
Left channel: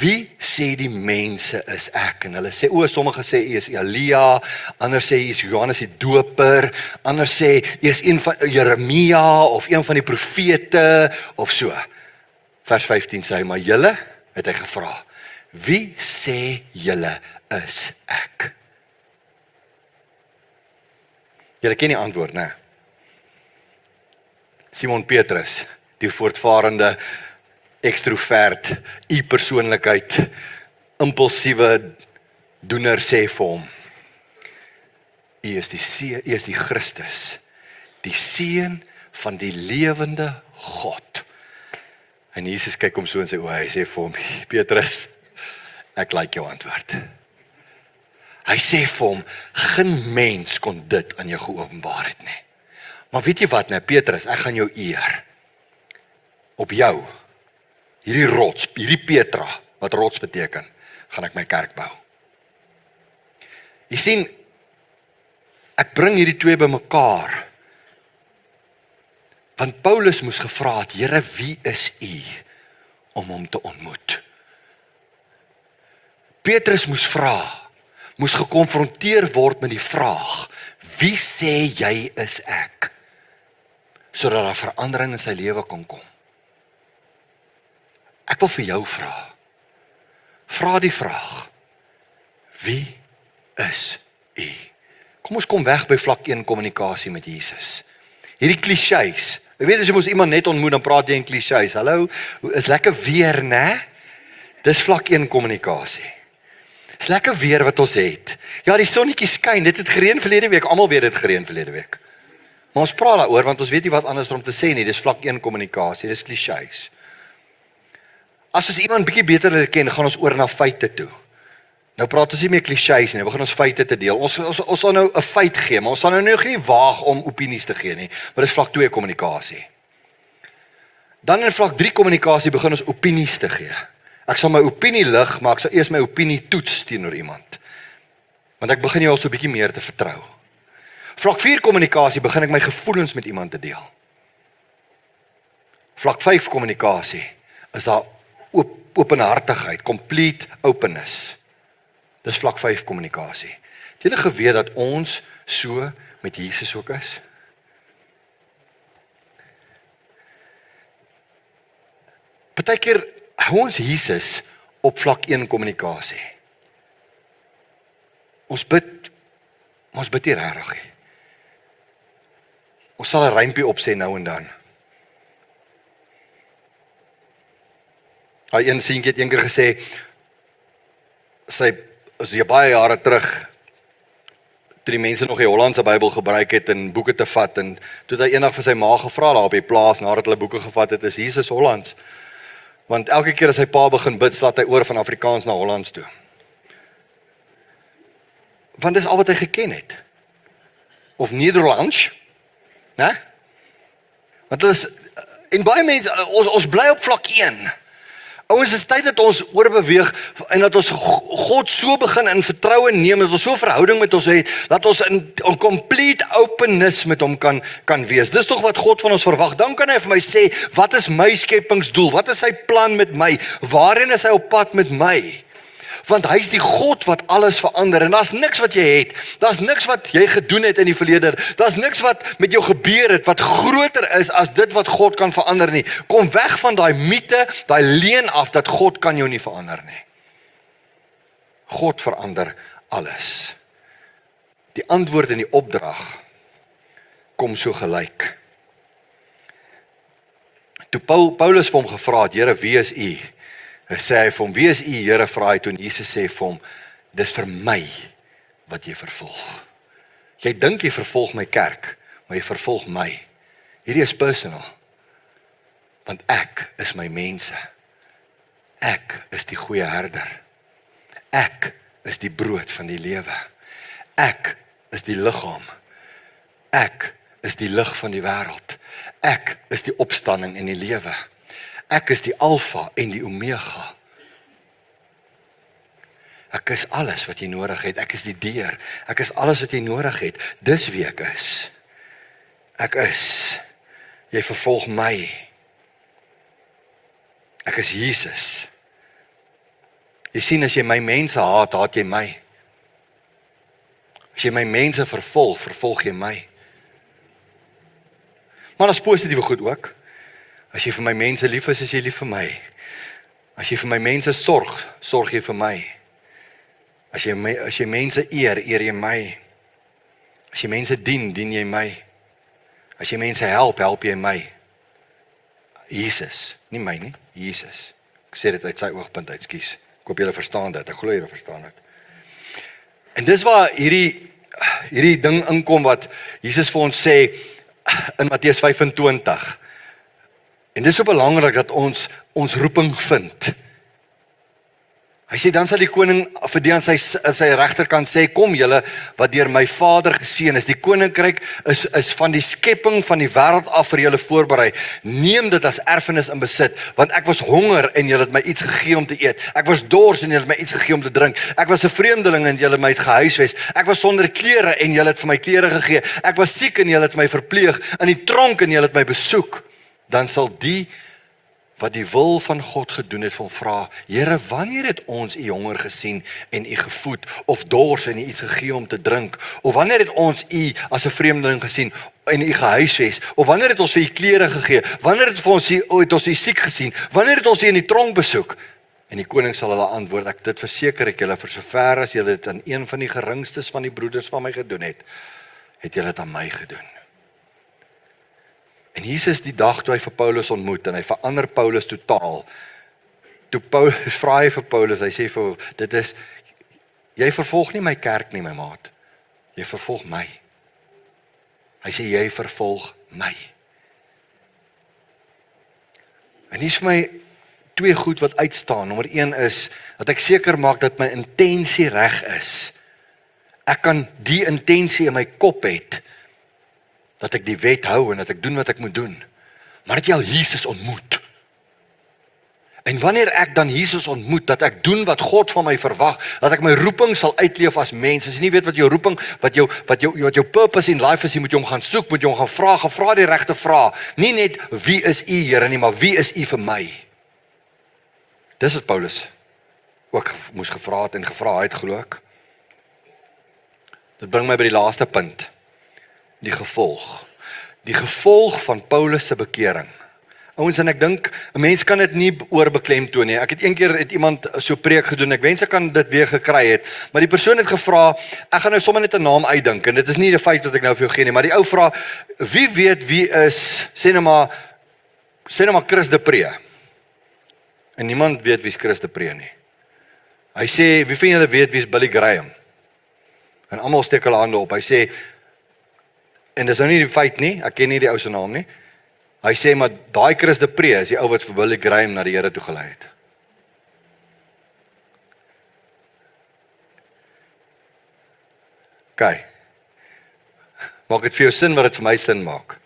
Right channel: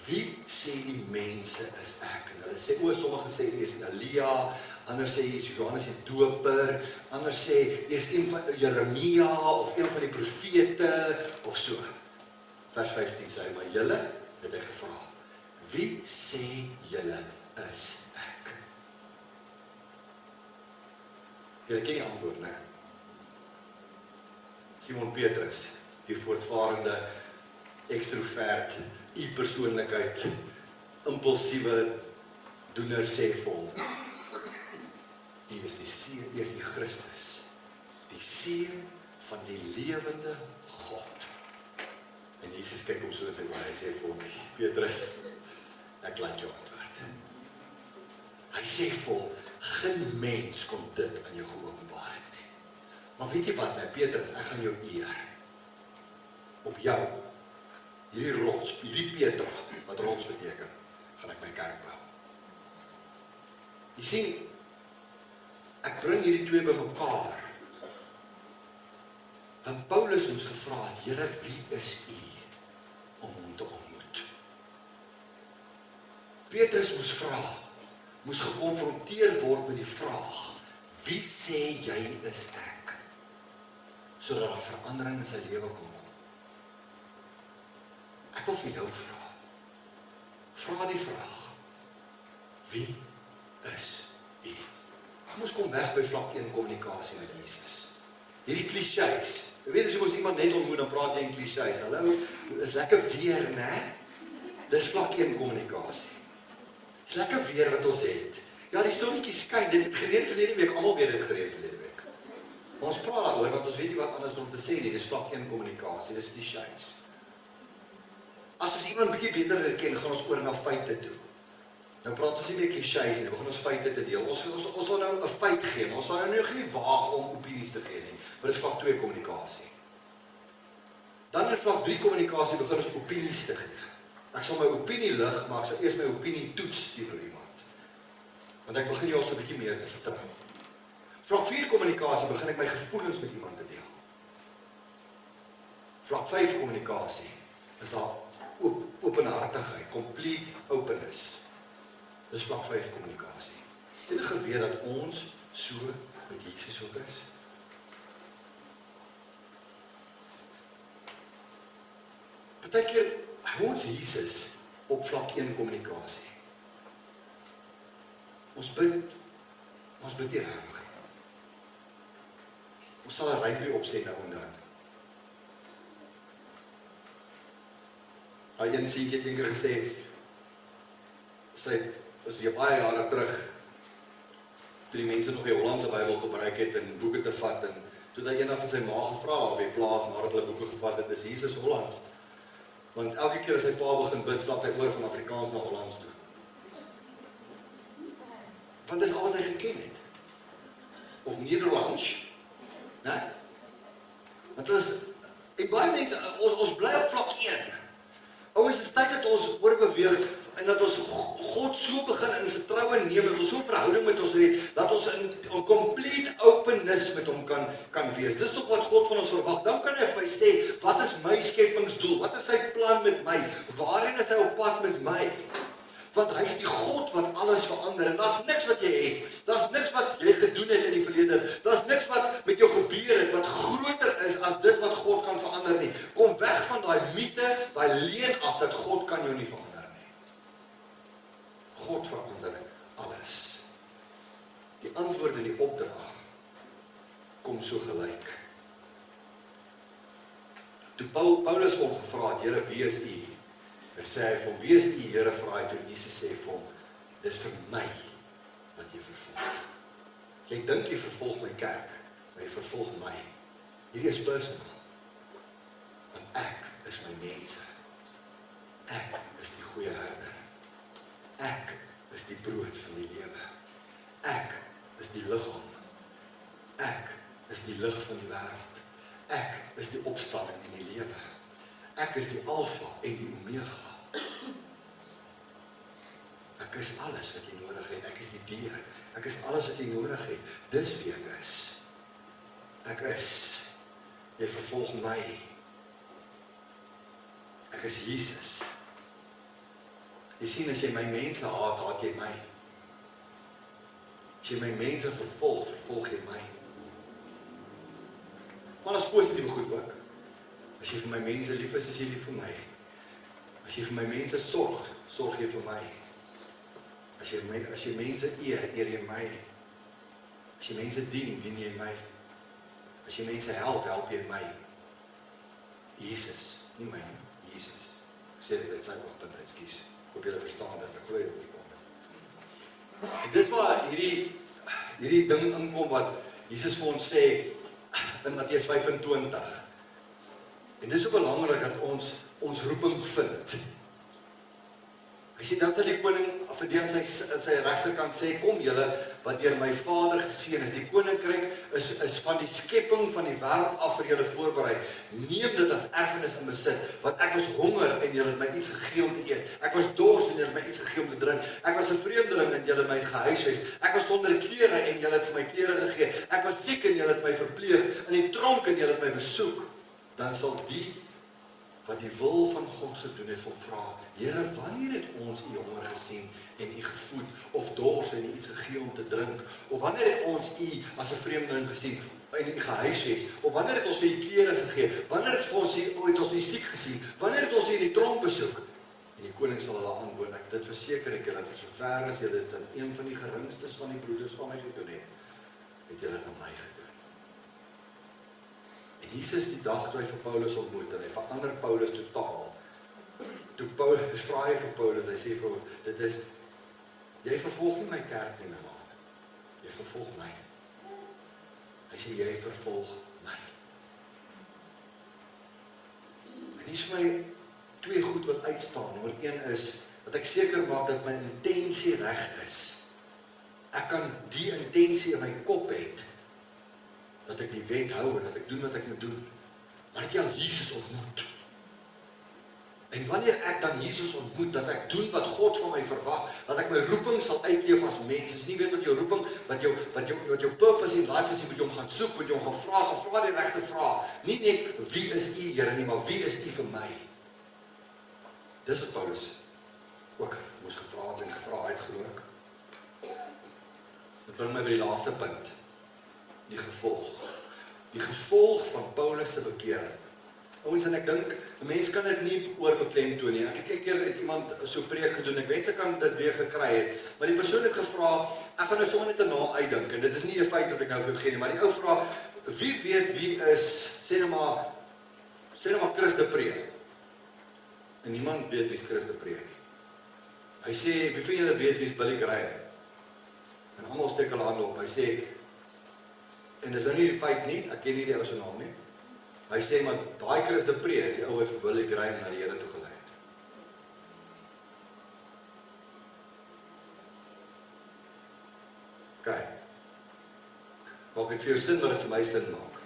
wie sê die mense is ek? En hulle sê, sommige sê hy is Elia, ander sê hy is Johannes die Doper, ander sê hy is een van Jeremia of een van die profete of so. Vers 15 sê hy, maar julle, het hy gevra, wie sê julle is ek? Julle ken die antwoord, né? Simon Petrus, die voortvarende ekstrovert, u-persoonlikheid, impulsiewe doener sê vir hom, u is die Christus, die seun van die lewende God. En Jesus kyk hom so in sy oë, hy sê vir hom, Petrus, ek like jou antwoord. Hy sê vir hom, geen mens kon dit aan jou geopenbaar het nie. Maar weet jy wat, nee, Petrus, ek gaan jou eer. Op jou, hierdie rots, hierdie Petra, wat rots beteken, gaan ek my kerk bou. Jy sien, ek bring hierdie twee bymekaar, want Paulus moes gevra het, Here, wie is U, om hom te ontmoet? Petrus moes vra, moes gekonfronteer word met die vraag, wie sê jy is ek? Sodat daar verandering in sy lewe kon kom. Ek wil vir jou vra. Vra die vraag, wie is u? Kom ons kom weg by vlak 1 kommunikasie met Jesus. Hierdie klisjées. Jy weet as jy mos iemand net ontmoet, dan praat jy in klisjées. Hallo, is lekker weer, né? Dis vlak 1 kommunikasie. Is lekker weer wat ons het. Ja, die sonnetjie skyn, dit het gereën verlede week, almal weet dit gereën verlede week. Maar ons praat daaroor, want ons weet nie wat anders om te sê nie, dis vlak 1 kommunikasie, dis klisjées. As ons iemand bietjie beter leer ken, gaan ons oor na feite toe. Nou praat ons nie meer klisjées nie, we gaan ons feite te deel. Ons sal nou 'n feit gee, maar ons sal nou nie waag om opinies te gee nie, maar dis vlak 2 kommunikasie. Dan in vlak 3 kommunikasie begin ons opinies te gee. Ek sal my opinie lig, maar ek sal eers my opinie toets teenoor iemand. Want ek begin jou al so 'n bietjie meer te vertrou. Vlak 4 kommunikasie begin ek my gevoelens met iemand te deel. Vlak 5 kommunikasie is daar openhartigheid, complete openness. Dis vlak 5 kommunikasie. Het julle geweet dat ons so met Jesus ook is? Partykeer hou ons Jesus op vlak 1 kommunikasie. Ons bid nie regtig nie. Ons sal 'n rympie opsê nou en dan. Daai een seentjie het eendag gesê, sy is baie jare terug, toe die mense nog die Hollandse Bybel gebruik het en boeke te vat, en toe het hy eendag vir sy ma gevra daar op die plaas, nadat hulle boeke gevat het, is Jesus Hollands? Want elke keer as sy pa begin bid, slaat hy oor van Afrikaans na Hollands toe. Want dis al wat hy geken het. Of Nederlands, né? Want dit is, en baie mense, ons bly op vlak 1. Ouens, is tyd dat ons oorbeweeg en dat ons God so begin in vertroue neem, dat ons so verhouding met ons het, dat ons in complete openness met hom kan wees. Dis tog wat God van ons verwag. Dan kan hy vir my sê, wat is my skepingsdoel? Wat is sy plan met my? Waarheen is hy op pad met my? Want hy is die God wat alles verander, en daar's niks wat jy het, daar's niks wat jy gedoen het in die verlede, daar's niks wat met jou gebeur het, wat groter is as dit wat God kan verander nie. Kom weg van daai mite, daai leuen af, dat God kan jou nie verander nie. God verander alles. Die antwoord en die opdrag kom so gelyk. Toe Paulus vir hom gevra het, Here, wie is u? Hy sê hy vir hom, wie is u, Here, vra hy toe, en Jesus sê vir hom, dis vir my wat jy vervolg. Jy dink jy vervolg my kerk, maar jy vervolg my. Hierdie is personal. Want ek is my mense. Ek is die goeie herder. Ek is die brood van die lewe. Ek is die liggaam. Ek is die lig van die wêreld. Ek is die opstanding en die lewe. Ek is die alfa en die omega. Ek is alles wat jy nodig het. Ek is die deur. Ek is alles wat jy nodig het. Dis wie ek is. Ek is. Jy vervolg my. Ek is Jesus. Jy sien, as jy my mense haat, haat jy my. As jy my mense vervolg, vervolg jy my. Maar dat is positieve goed ook. As jy vir my mense lief is jy lief vir my. As jy vir my mense sorg, sorg jy vir my. As jy mense eer jy my. As jy mense dien jy my. As jy mense help jy my. Jesus, nie my nie, Jesus. Ek sê dit uit sy oogpunt uit, ekskuus. Ek hoop julle verstaan dit, ek glo julle verstaan dit. En dis waar hierdie ding inkom wat Jesus vir ons sê in Matteus 25. En dis so belangrik dat ons roeping vind. Hy sê, dan sal die koning vir die aan sy regterkant sê, kom julle wat deur my Vader geseën is. Die koninkryk is van die skepping van die wêreld af vir julle voorberei. Neem dit as erfenis in besit, want ek was honger en julle het my iets gegee om te eet. Ek was dors en julle het my iets gegee om te drink. Ek was 'n vreemdeling en julle het my gehuisves. Ek was sonder klere en julle het vir my klere gegee. Ek was siek en julle het my verpleeg. In die tronk en julle het my besoek. Dan sal die wat die wil van God gedoen het, van vra, Here, wanneer het ons u honger gesien en u gevoed, of dors en u iets gegee om te drink, of wanneer het ons u as 'n vreemdeling gesien en u gehuisves, of wanneer het ons vir u klere gegee, wanneer het ons u siek gesien, wanneer het ons u in die tronk besoek? En die koning sal hulle antwoord, dit verseker ek julle, vir sover as julle dit aan een van die geringstes van die broeders van my gedoen het julle dit aan my gedoen. En Jesus die dag toe hy vir Paulus ontmoet, en hy verander Paulus totaal. Toe Paulus vra hy vir Paulus, hy sê vir, dit is, jy vervolg nie my kerk nie, my maat. Jy vervolg my. Hy sê, jy vervolg my. En hier is vir my twee goed wat uitstaan. Nommer 1 is, dat ek seker maak dat my intensie reg is. Ek kan die intensie in my kop het, dat ek die wet hou en dat ek doen wat ek moet doen. Maar dat jy al Jesus ontmoet. En wanneer ek dan Jesus ontmoet, dat ek doen wat God van my verwag, dat ek my roeping sal uitleef as mens. As jy nie weet wat jou roeping, wat jou purpose in life is, jy moet jy hom gaan soek, moet jy hom gaan vra die regte vrae. Nie net wie is u Here nie, maar wie is u vir my? Dis wat Paulus ook moes gevra het en gevra het, glo ek. Dit bring my by die laaste punt. Die gevolg. Die gevolg van Paulus se bekering. Ouens, en ek dink, 'n mens kan dit nie oorbeklemtoon nie. Ek het een keer iemand so preek gedoen, ek wens ek kan dit weer gekry het, maar die persoon het gevra, ek gaan nou sommer net 'n naam uitdink, en dit is nie die feit wat ek nou vir jou gee nie, maar die ou vra, wie weet wie is, sê nou maar Chris de Pre? En niemand weet wie is Chris de Pre nie. Hy sê, wie van julle weet wie is Billy Graham? En almal steek hulle hande op, hy sê, en dis nou nie die feit nie, ek ken nie die ou se naam nie, hy sê, maar daai Chris de Pre is die ou wat vir Billy Graham na die Here toe gelei het. OK. Maak dit vir jou sin wat dit vir my sin maak?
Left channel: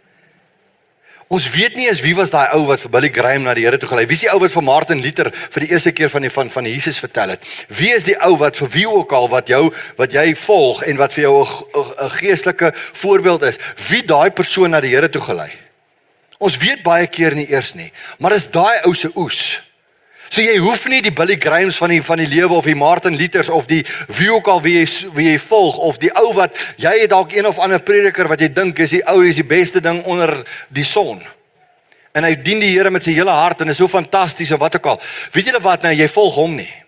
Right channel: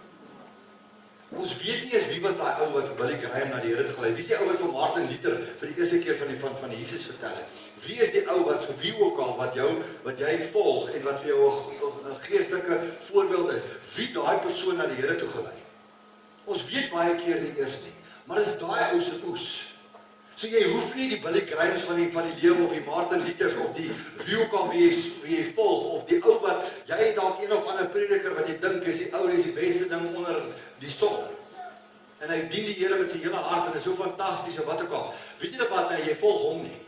Ons weet nie eens wie was daai ou wat vir Billy Graham na die Here toe gelei het. Wie is die ou wat vir Martin Luther vir die eerste keer van Jesus vertel het? Wie is die ou wat vir wie ook al wat jy volg en wat vir jou 'n geestelike voorbeeld is? Wie daai persoon na die Here toe gelei? Ons weet baie keer nie eers nie, maar is daai ou se oes. So jy hoef nie die Billy Grahams van die lewe of die Martin Luthers of die wie ook al wie jy volg of die ou wat jy het dalk een of ander prediker wat jy dink is die ou is die beste ding onder die son. En hy dien die Here met sy hele hart en is so fantasties en wat ook al. Weet julle wat nou, jy volg hom nie.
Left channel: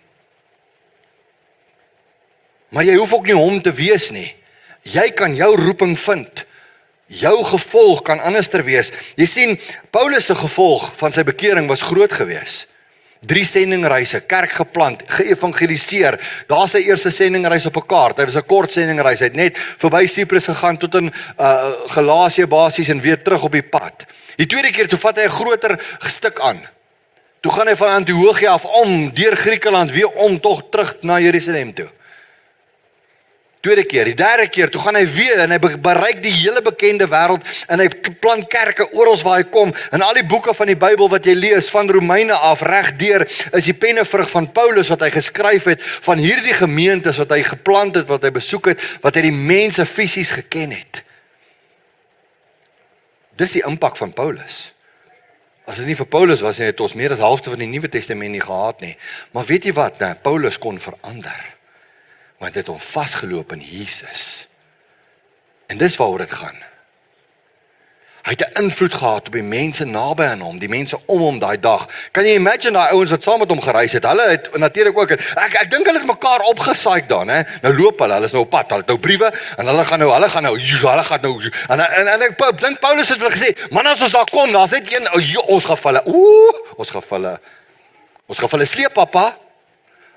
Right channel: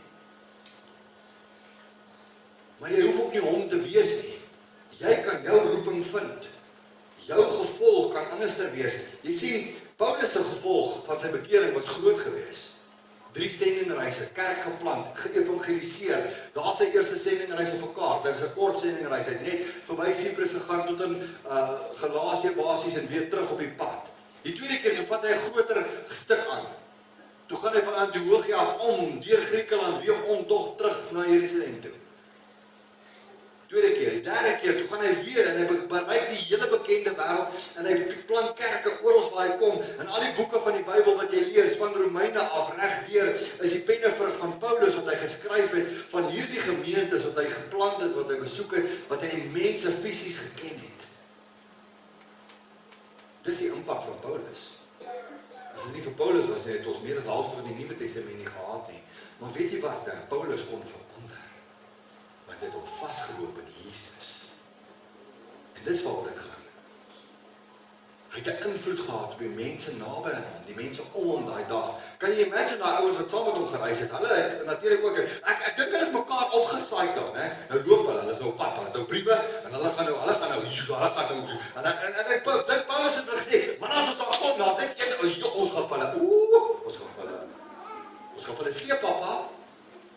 Maar jy hoef ook nie hom te wees nie. Jy kan jou roeping vind. Jou gevolg kan anderster wees. Jy sien, Paulus se gevolg van sy bekering was groot geweest. 3 sendingreise, kerk geplant, geëvangeliseer. Daar sy eerste sendingreis op 'n kaart. Hy was 'n kort sendingreis. Hy het net verby Cyprus gegaan tot in Galasië basies en weer terug op die pad. Die tweede keer toe vat hy 'n groter stuk aan. Toe gaan hy van Antiochië af deur Griekeland weer tog terug na Jerusalem toe. Tweede keer, die derde keer, toe gaan hy weer en hy bereik die hele bekende wêreld en hy plant kerke oral waar hy kom en al die boeke van die Bybel wat jy lees van Romeine af regdeur is die pennevrug van Paulus wat hy geskryf het van hierdie gemeentes wat hy geplant het, wat hy besoek het, wat hy die mense fisies geken het. Dis die impak van Paulus. As dit nie vir Paulus was nie, het ons meer as halfte van die Nuwe Testament nie gehad nie. Maar weet jy wat, nou, Paulus kon verander. Want het hom vasgeloop in Jesus. En dis waaroor dit gaan. Hy het 'n invloed gehad op die mense naby aan hom, die mense om hom daai dag. Kan jy imagine daai ouens wat saam met hom gereis het? Hulle het natuurlik ook, ek dink hulle het mekaar opgesaai dan, hè. Nou loop hulle is nou op pad, hulle het nou briewe en hulle gaan nou en ek dink Paulus het vir gesê, man as ons daar kom, daar's net een ons gaan hulle sleep pappa.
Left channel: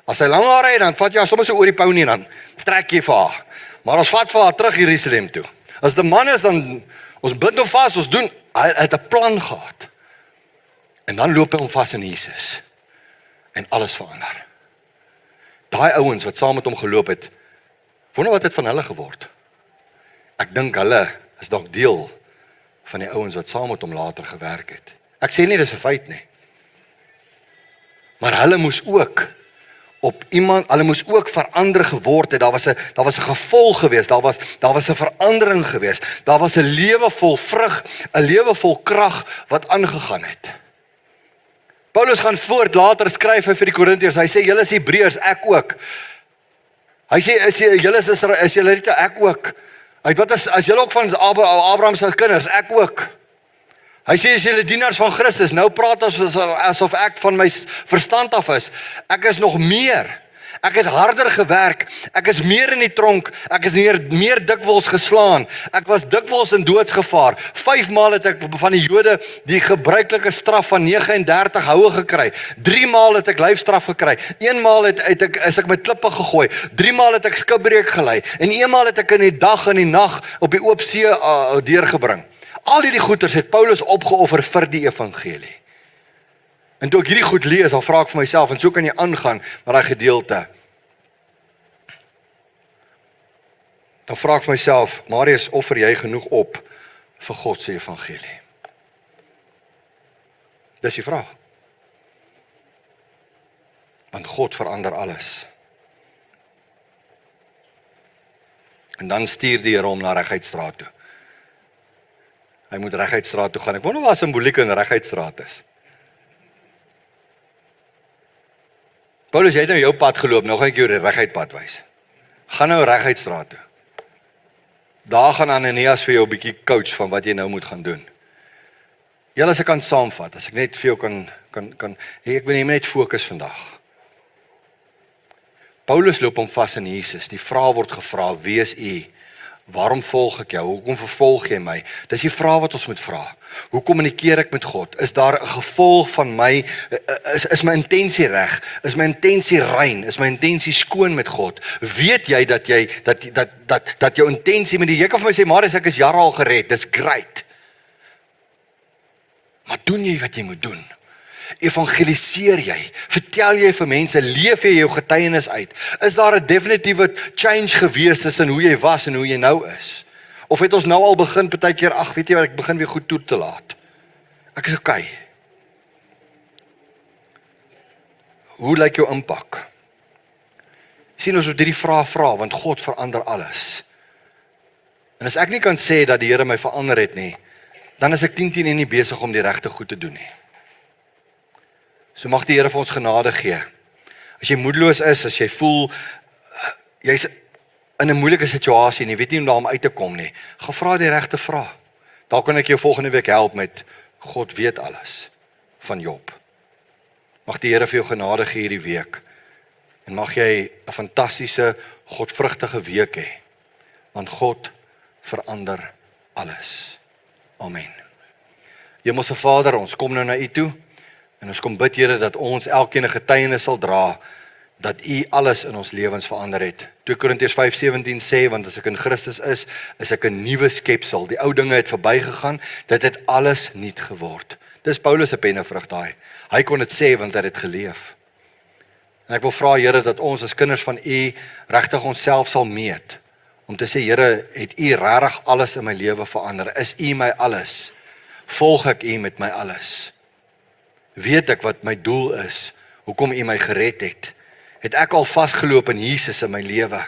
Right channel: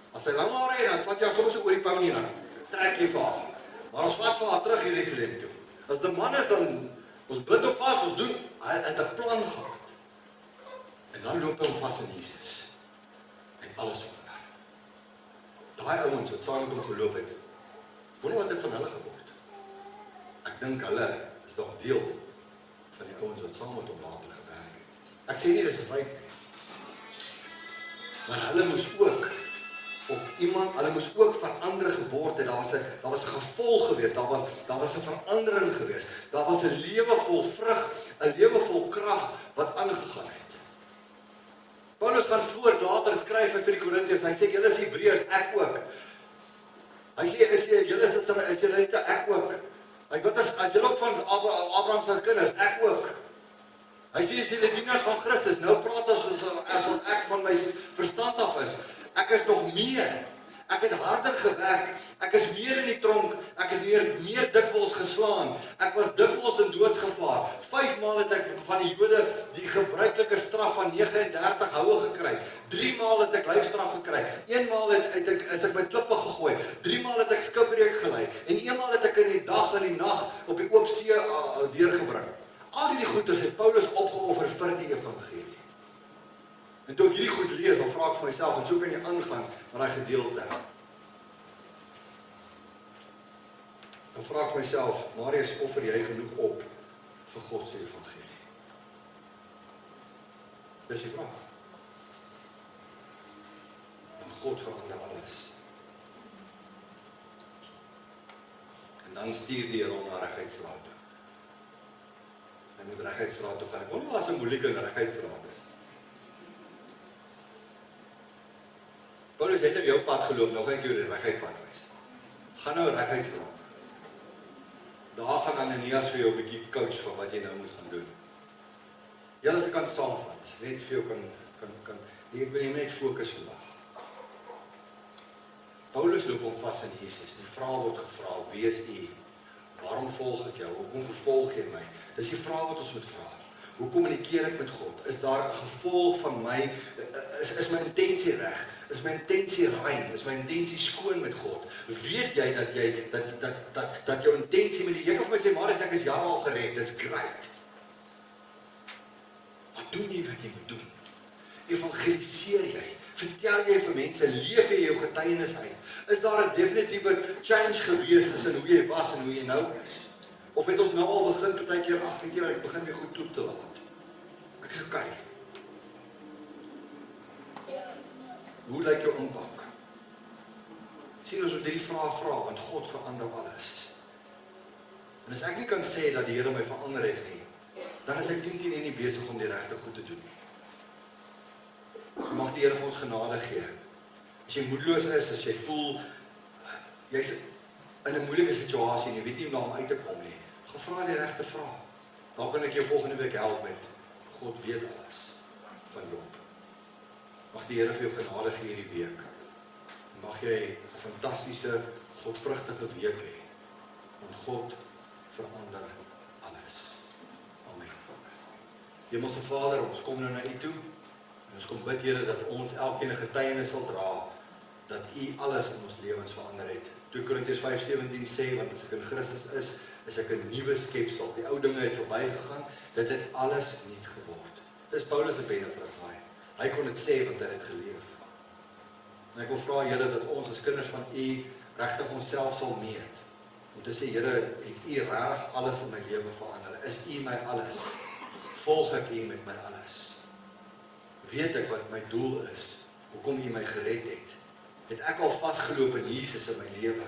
As hy lang hare het, dan vat jy sommer so oor die pony dan trek jy vir haar. Maar ons vat vir haar terug Jerusalem toe. As die man is dan ons bid hom vas, ons doen, hy het 'n plan gehad. En dan loop hy hom vas in Jesus. En alles verander. Daai ouens wat saam met hom geloop het, wonder wat het van hulle geword. Ek dink hulle is dalk deel van die ouens wat saam met hom later gewerk het. Ek sê nie dis 'n feit nie. Maar hulle moes ook hulle moes ook verander geword het. Daar was 'n gevolg geweest, daar was 'n verandering geweest. Daar was 'n lewe vol vrug, 'n lewe vol krag wat aangegaan het. Paulus gaan voort, later skryf hy vir die Korintiërs, hy sê, julle is Hebreërs, ek ook. Hy sê, julle is Israeliete, ek ook. Wat as julle ook van Abraham se kinders, ek ook. Hy sê, as julle dienaars van Christus, nou praat asof ek van my verstand af is. Ek is nog meer. Ek het harder gewerk. Ek is meer in die tronk. Ek is meer dikwels geslaan. Ek was dikwels in doodsgevaar. 5 maal het ek van die Jode die gebruikelike straf van 39 houe gekry. 3 maal het ek lyfstraf gekry. 1 maal is ek met klippe gegooi. 3 maal het ek skipbreuk gelei. En 1 maal het ek in die dag en die nag op die oop see deurgebring. Al hierdie goeders het Paulus opgeoffer vir die evangelie. En toe ek hierdie goed lees, dan vra ek vir myself, en so kan jy aangaan met daai gedeelte. Dan vra ek vir myself, Marius, offer jy genoeg op vir God se evangelie? Dis die vraag. Want God verander alles. En dan stuur die Here hom na Reguitstraat toe. Hy moet Reguitstraat toe gaan. Ek wonder waar simboliek in Reguitstraat is. Paulus, jy het nou jou pad geloop, nou gaan ek jou die reguitpad wys. Gaan nou Reguitstraat toe. Daar gaan Ananias vir jou 'n bietjie coach van wat jy nou moet gaan doen. Julle, as ek kan saamvat, as ek net vir jou kan ek wil net fokus vandag. Paulus loop hom vas in Jesus. Die vraag word gevra, wie is u? Waarom volg ek jou? Hoekom vervolg jy my? Dis die vraag wat ons moet vra. Hoe kommunikeer ek met God? Is daar 'n gevolg van my, is my intensie reg? Is my intensie rein? Is my intensie skoon met God? Weet jy dat jou intensie met die, jy kan vir my sê, Marius, ek is jare al gered, dis great. Maar doen jy wat jy moet doen? Evangeliseer jy? Vertel jy vir mense? Leef jy jou getuienis uit? Is daar 'n definitiewe change gewees tussen hoe jy was en hoe jy nou is? Of het ons nou al begin, partykeer, ag, weet jy wat, ek begin weer goed toe te laat. Ek is okay. Hoe lyk jou impak? Sien, ons moet hierdie vraag vra, want God verander alles. En as ek nie kan sê dat die Here my verander het nie, dan is ek 10 nie besig om die regte goed te doen nie. So mag die Here vir ons genade gee. As jy moedeloos is, as jy voel, jy's in 'n moeilike situasie en jy weet nie hoe om daar uit te kom nie, gaan vra die regte vraag. Daar kan ek jou volgende week help met God weet alles van Job. Mag die Here vir jou genade gee hierdie week en mag jy 'n fantastiese, godvrugtige week hê, want God verander alles. Amen. Hemelse Vader, ons kom nou na U toe en ons kom bid, Here, dat ons elkeen 'n getuienis sal dra dat U alles in ons lewens verander het. 2 Korintiërs 5:17 sê, want as ek in Christus is ek 'n nuwe skepsel. Die ou dinge het verbygegaan, dit het alles nuut geword. Dis Paulus se pennevrug daai. Hy kon dit sê want hy het geleef. En ek wil vra, Here, dat ons as kinders van U regtig onsself sal meet om te sê, Here, het U regtig alles in my lewe verander? Is U my alles? Volg ek U met my alles? Weet ek wat my doel is? Hoekom U my gered het? Het ek al vasgeloop in Jesus in my lewe?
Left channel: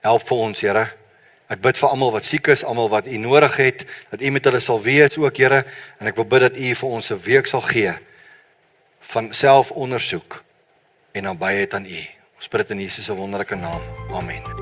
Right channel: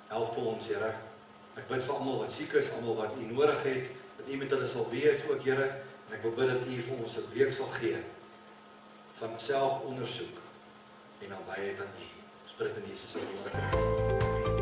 Help vir ons, Here. Ek bid vir almal wat siek is, almal wat U nodig het, dat U met hulle sal wees ook, Here, en ek wil bid dat U vir ons 'n week sal gee van selfondersoek en nabyheid aan U. Ons bid dit in Jesus se wonderlike naam. Amen.